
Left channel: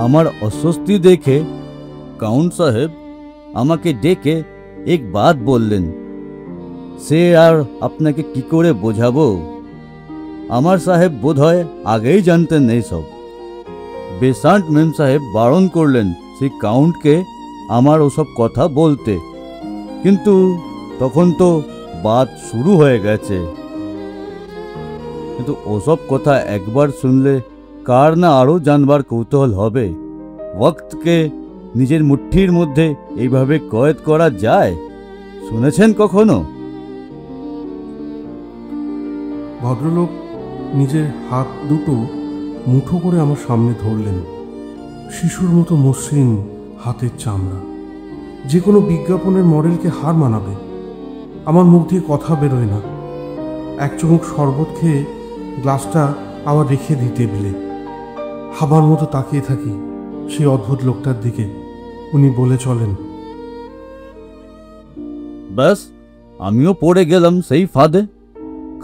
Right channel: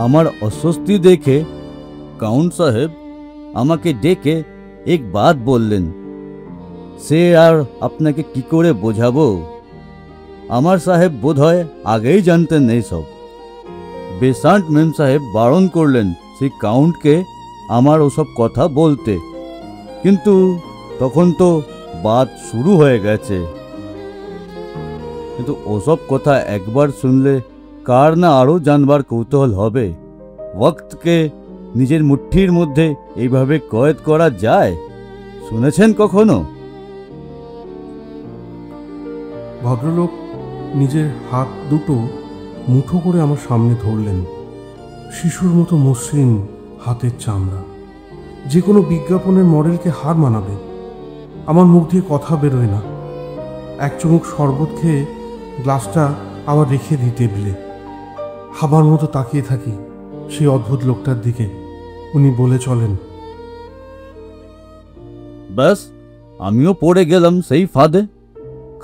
আমার অস্বস্তি দেখে কাউন্ট সাহেব আমাকে ডেকে এক বাত বললেন। সে আর আপনাকে কি করে বোঝাবো? আমার সাহেব বোধহয় আগেই জানতেন এইসব। বেসান্ট মেম সাহেব বারণ করলেন সেই কাউন্টকে আমার ওসব কথা বলতে, কিন্তু তখন তো বাত শুরু হয়ে গেছে। কিন্তু ওসব কথা একবার শুনলে কার না আরও জানবার কৌতূহল হবে। ওয়াক্তকে নিজের মুঠির মধ্যে এইভাবে কয়েদ করা যায়? শুনেছেন কখনো? ভদ্রলোক নিজের হাত দুটো মুঠো করে আমার সামনে ধরলেন। শিশুর মতো মসৃণ হাতের চামড়া, যে কোনো বিজ্ঞাপনের মডেলকে হার মানাবে। আমার মুখ দিয়ে কথা বেরোয় না। এক চুমুক শরবত খেয়ে গ্লাসটা আবার রেখে দিই টেবিলে। হাবার মতো তাকিয়ে থাকি সেই অদ্ভুত লোকটার দিকে। উনি বলে চলেন, ব্যাস আমিও পড়ে গেলাম সেই ফাঁদে।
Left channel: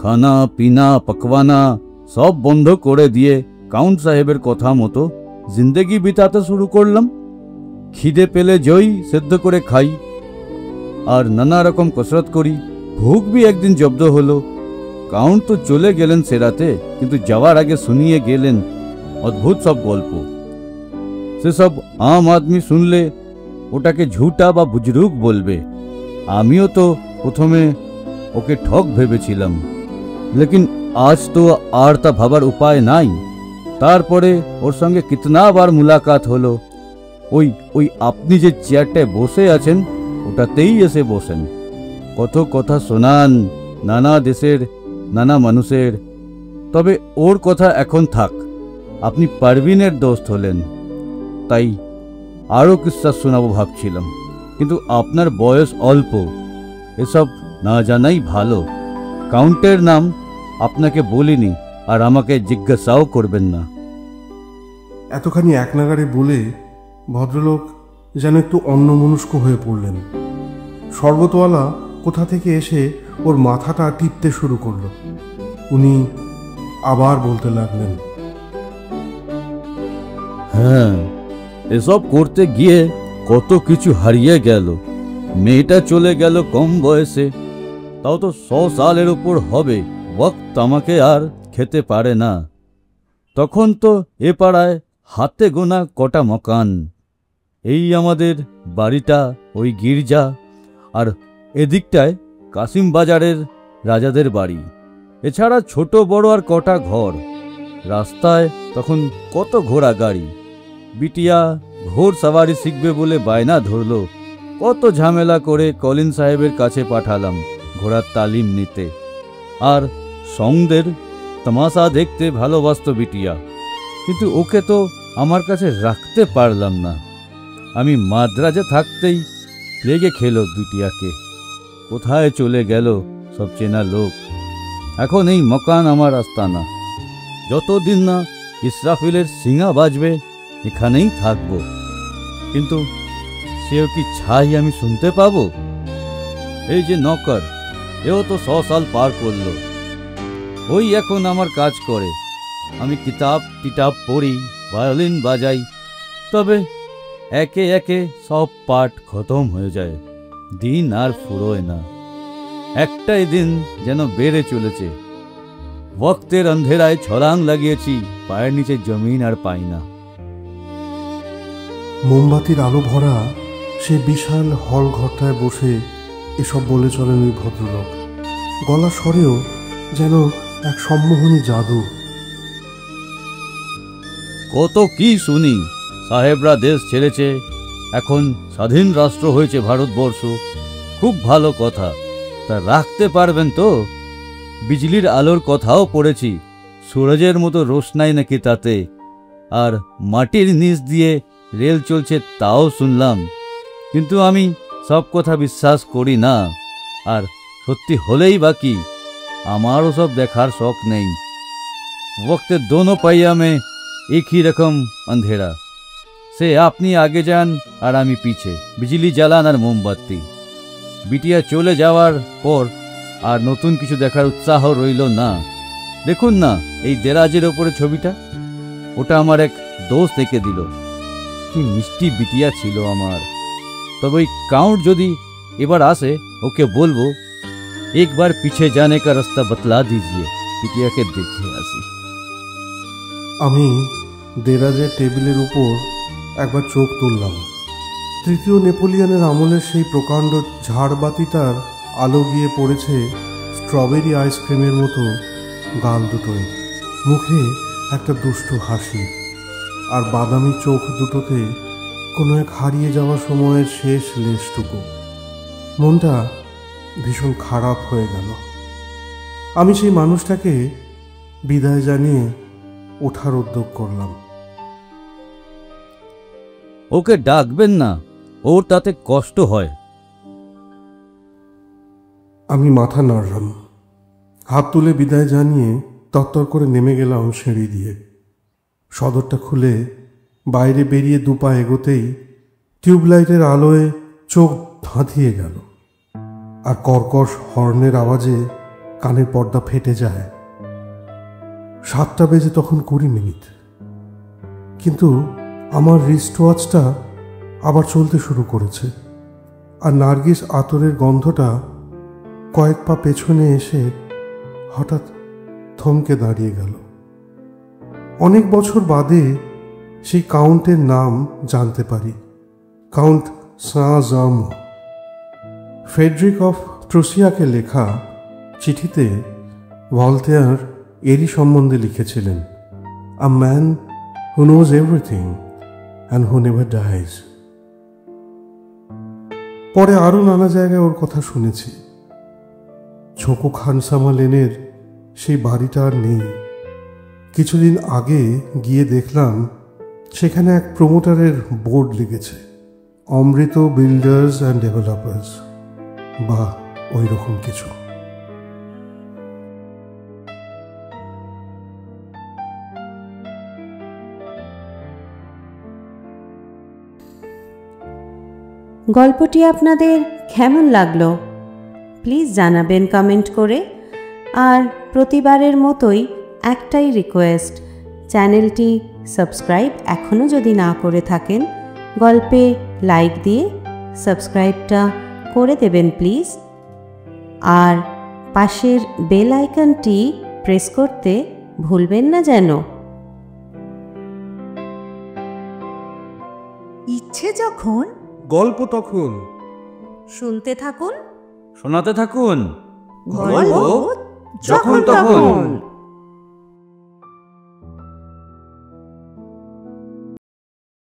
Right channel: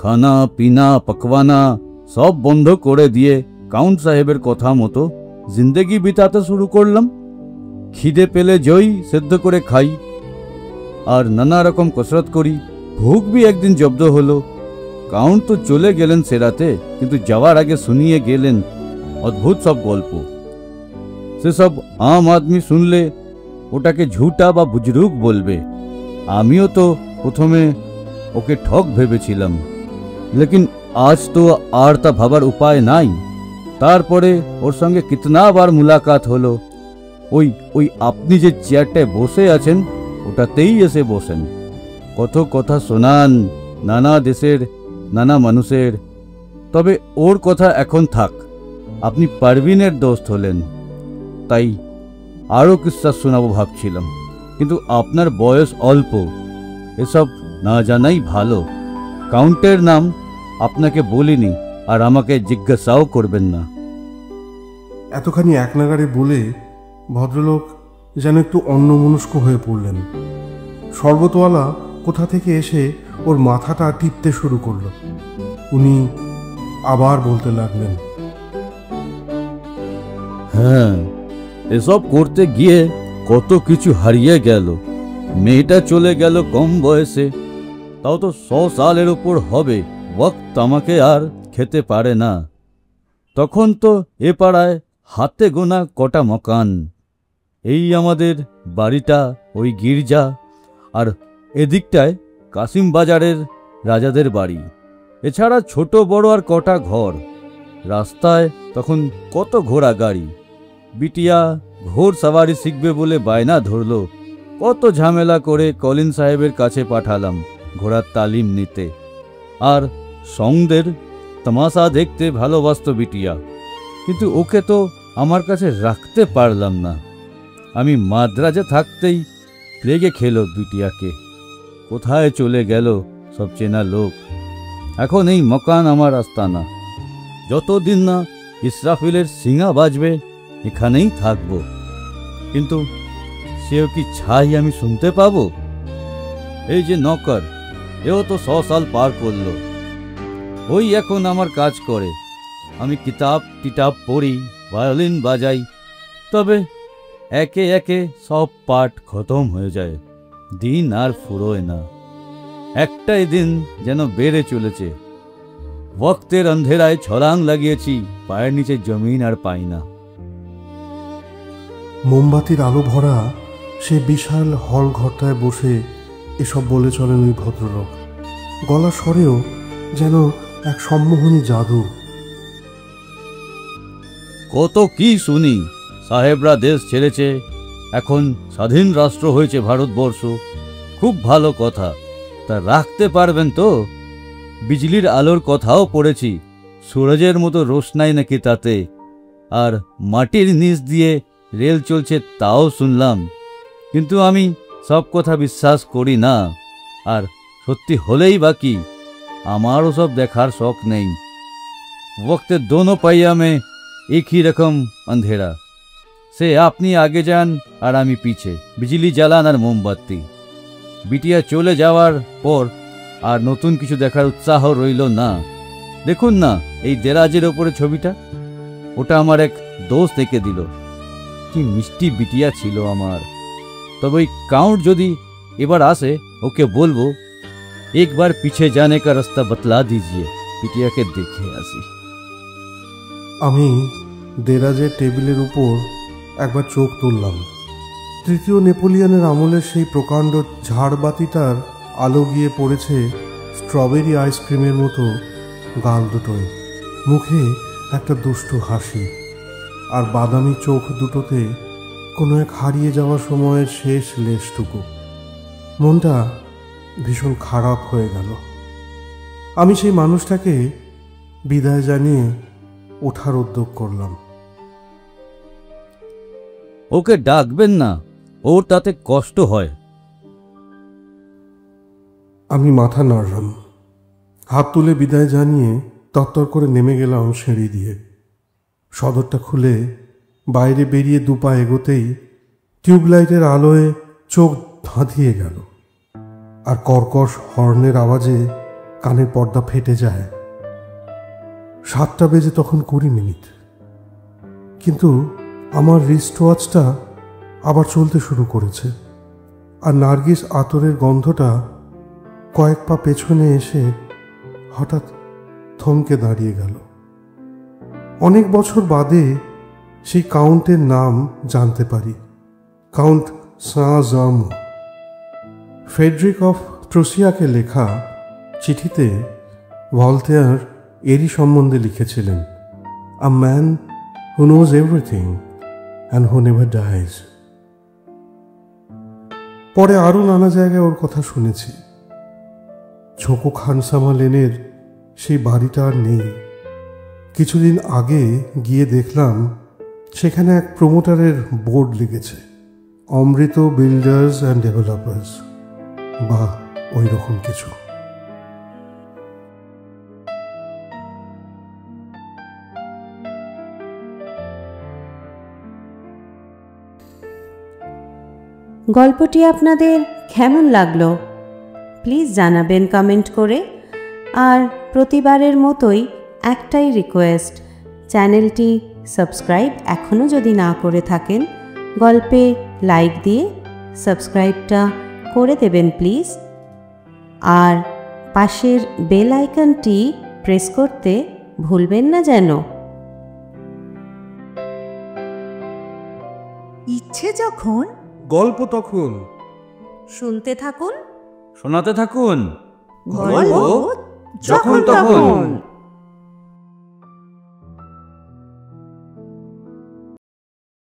খানা পিনা পকওয়ানা সব বন্ধ করে দিয়ে কাউন্ট সাহেবের কথা মতো জিন্দেগি বিতাতে শুরু করলাম। খিদে পেলে জই সেদ্ধ করে খাই আর নানা রকম কসরত করি। ভুখ भी একদিন জব্দ হলো। কাউন্ট তো চলে গেলেন সেরাতে, কিন্তু যাওয়ার আগে শুনিয়ে গেলেন অদ্ভুত সব গল্প। সেসব আম আদমি শুনলে ওটাকে ঝুটা বা বুজরুক বলবে। আমিও তো প্রথমে ওকে ঠক ভেবেছিলাম, লেকিন আজ তো আর তা ভাবার উপায় নাই। তারপরে ওর সঙ্গে কিতনাবার মুলাকাত হলো। ওই আপনি যে চেয়ারটায় বসে আছেন ওটাতেই এসে বসেন। কত কথা শোনান নানা দেশের নানা মানুষের। তবে ওর কথা এখন থাক, আপনি পারভিনের দোস্ত হলেন তাই আরও কিস্সা শোনাবো ভাবছিলাম, কিন্তু আপনার বয়স অল্প, এসব না জানাই ভালো। কাউন্টের নাম আপনাকে বলিনি আর আমাকে জিজ্ঞাসাও করবেন না। এতখানি এক নাগারে বলে ভদ্রলোক যেন একটু অন্যমনস্ক হয়ে পড়লেন। শরবতওয়ালা কোথা থেকে এসে ওর মাথাটা টিপতে শুরু করলো। উনি আবার বলতে লাগলেন, হ্যাঁ, এসব করতে গিয়ে কত কিছু হারিয়ে গেল। মেয়েটা চলে গেল কম বয়সে, তাও তো 100 সালের উপর হবে। ওয়াক্ত আমাকে আর খেতে পারে না। তখন তো এ পাড়ায় হাতে গোনা কটা মকান। এই আমাদের বাড়িটা, ওই গির্জা, আর এদিকটায় কাসিম বাজারের রাজাদের বাড়ি। এছাড়া ছোট বড় আর কটা ঘর। রাস্তায় তখন কত ঘোড়া গাড়ি। বিটিয়া ঘোড় সাওয়ারি শিখবে বলে বায়না ধরল। কত ঝামেলা করে কলিন সাহেবের কাছে পাঠালাম ঘোড়ার তালিম নিতে। আর সঙ্গদের তামাশা দেখতে ভালোবাসত বিটিয়া, কিন্তু ওকে তো আমার কাছে রাখতে পারলাম না। আমি মাদ্রাজে থাকতেই লেগে খেলো বিটিয়াকে। কোথায় চলে গেল সব চেনা লোক। এখন এই মকান আমার আস্তানা। যতদিন না ইসরাফিলের সিঙা বাজবে এখানেই থাকবো। কিন্তু সেও কি ছাই আমি শুনতে পাবো? এই যে নকর, এও তো 100 সাল পার করলো। ওই এখন আমার কাজ করে। আমি কিতাব পড়ি, ভায়োলিন বাজাই, তবে একে একে সব পাঠ খতম হয়ে যায়। দিন আর ফুরোয় না। একটাই দিন যেন বেড়ে চলেছে। ওয়াক্তের অন্ধেরায় ছলাং লাগিয়েছি, পায়ের নিচে জমিন আর পাই না। মোমবাতির আলো ভরা সেই বিশাল হল ঘরটায় বসে এসব বলে চলেন ওই ভদ্রলোক। গলা স্বরেও যেন এক সম্মোহনী জাদু। কত কি শুনি, সাহেবরা দেশ ছেড়েছে, এখন স্বাধীন রাষ্ট্র হয়েছে ভারতবর্ষ। খুব ভালো কথা, তা রাখতে পারবেন তো? বিজলির আলোর কথাও পড়েছি, সূরজের মতো রোশনাই নাকি তাতে। আর মাটির নিচ দিয়ে রেল চলছে তাও শুনলাম, কিন্তু আমি সব কথা বিশ্বাস করি না। আর সত্যি হলেই বাকি, আমারও সব দেখার শখ নেই। वक्त दोनों पहिया में एक ही रकम अंधेरा से আপনি আগে যান আর আমি পিছে, বিজলি জ্বালান আর মোমবাতি। বিটিয়া চলে যাওয়ার পর আর নতুন কিছু দেখার উৎসাহ রইল না। দেখুন না এই দেরাজের ওপরে ছবিটা, ওটা আমার এক দোস্ত এঁকে দিল। কি মিষ্টি বিটিয়া ছিল আমার। তবে ওই কাউন্ট যদি এবার আসে ওকে বলবো একবার পিছে जाने का रास्ता बतला दीजिए, বিটিয়াকে দেখে আসি। আমি দেরাজের টেবিলের উপর একবার চোখ তুললাম। তৃতীয় নেপোলিয়নের আমলের সেই প্রকাণ্ড ঝাড়বাতিটার আলো গিয়ে পড়েছে স্ট্রবেরি আইসক্রিমের মতো গাল দুটোয়, মুখে একটা দুষ্টু হাসি, আর বাদামি চোখ দুটোতে কোনো এক হারিয়ে যাওয়ার সময়ের শেষ লেশটুকু। মনটা ভীষণ খারাপ হয়ে গেল। আমি সেই মানুষটাকে বিদায় জানিয়ে ওঠার উদ্যোগ করলাম। ওকে ডাকবেন না, ওর তাতে কষ্ট হয়। আমি মাথা নাড়লাম, হাত তুলে বিদায় জানিয়ে তত্তর করে নেমে গেলাম সিঁড়ি দিয়ে। সদরটা খুলে বাইরে বেরিয়ে দুপা এগোতেই টিউবলাইটের আলোয় চোখ ধাঁধিয়ে গেল, আর কর্কশ হর্নের আওয়াজে কানের পর্দা ফেটে যায়। 7টা বেজে তখন 20 মিনিট, কিন্তু আমার রিস্ট ওয়াচটা আবার চলতে শুরু করেছে, আর নার্গিস আতরের গন্ধটা কয়েক পা পেছনে এসে হঠাৎ থমকে দাঁড়িয়ে গেল। অনেক বছর বাদে সেই কাউন্টের নাম জানতে পারি, কাউন্ট সাঁ-জার্মো। ফ্রেডরিক অফ ট্রুসিয়াকে লেখা চিঠিতে ভলতেয়ার এরই সম্বন্ধে লিখেছিলেন, a man who knows everything and who never dies. পরে আরো নানা জায়গায় ওর কথা শুনেছি। ছোকো খানসামা লেনের সেই বাড়িটা আর নেই। কিছুদিন আগে গিয়ে দেখলাম সেখানে এক প্রমোটারের বোর্ড লেগেছে, অমৃত বিল্ডার্স অ্যান্ড ডেভেলপার্স, বা ওই রকম কিছু। গল্পটি আপনাদের কেমন লাগলো প্লিজ জানাবেন কমেন্ট করে। আর প্রতিবারের মতোই একটাই রিকোয়েস্ট, চ্যানেলটি সাবস্ক্রাইব এখনও যদি না করে থাকেন, গল্পে লাইক দিয়ে সাবস্ক্রাইবটা করে দেবেন প্লিজ। আর পাশের বেল আইকনটি প্রেস করতে ভুলবেন না যেন। ইচ্ছে যখন গল্প তখন, শুনতে থাকুন, শোনাতে থাকুন গল্প যখন তখন।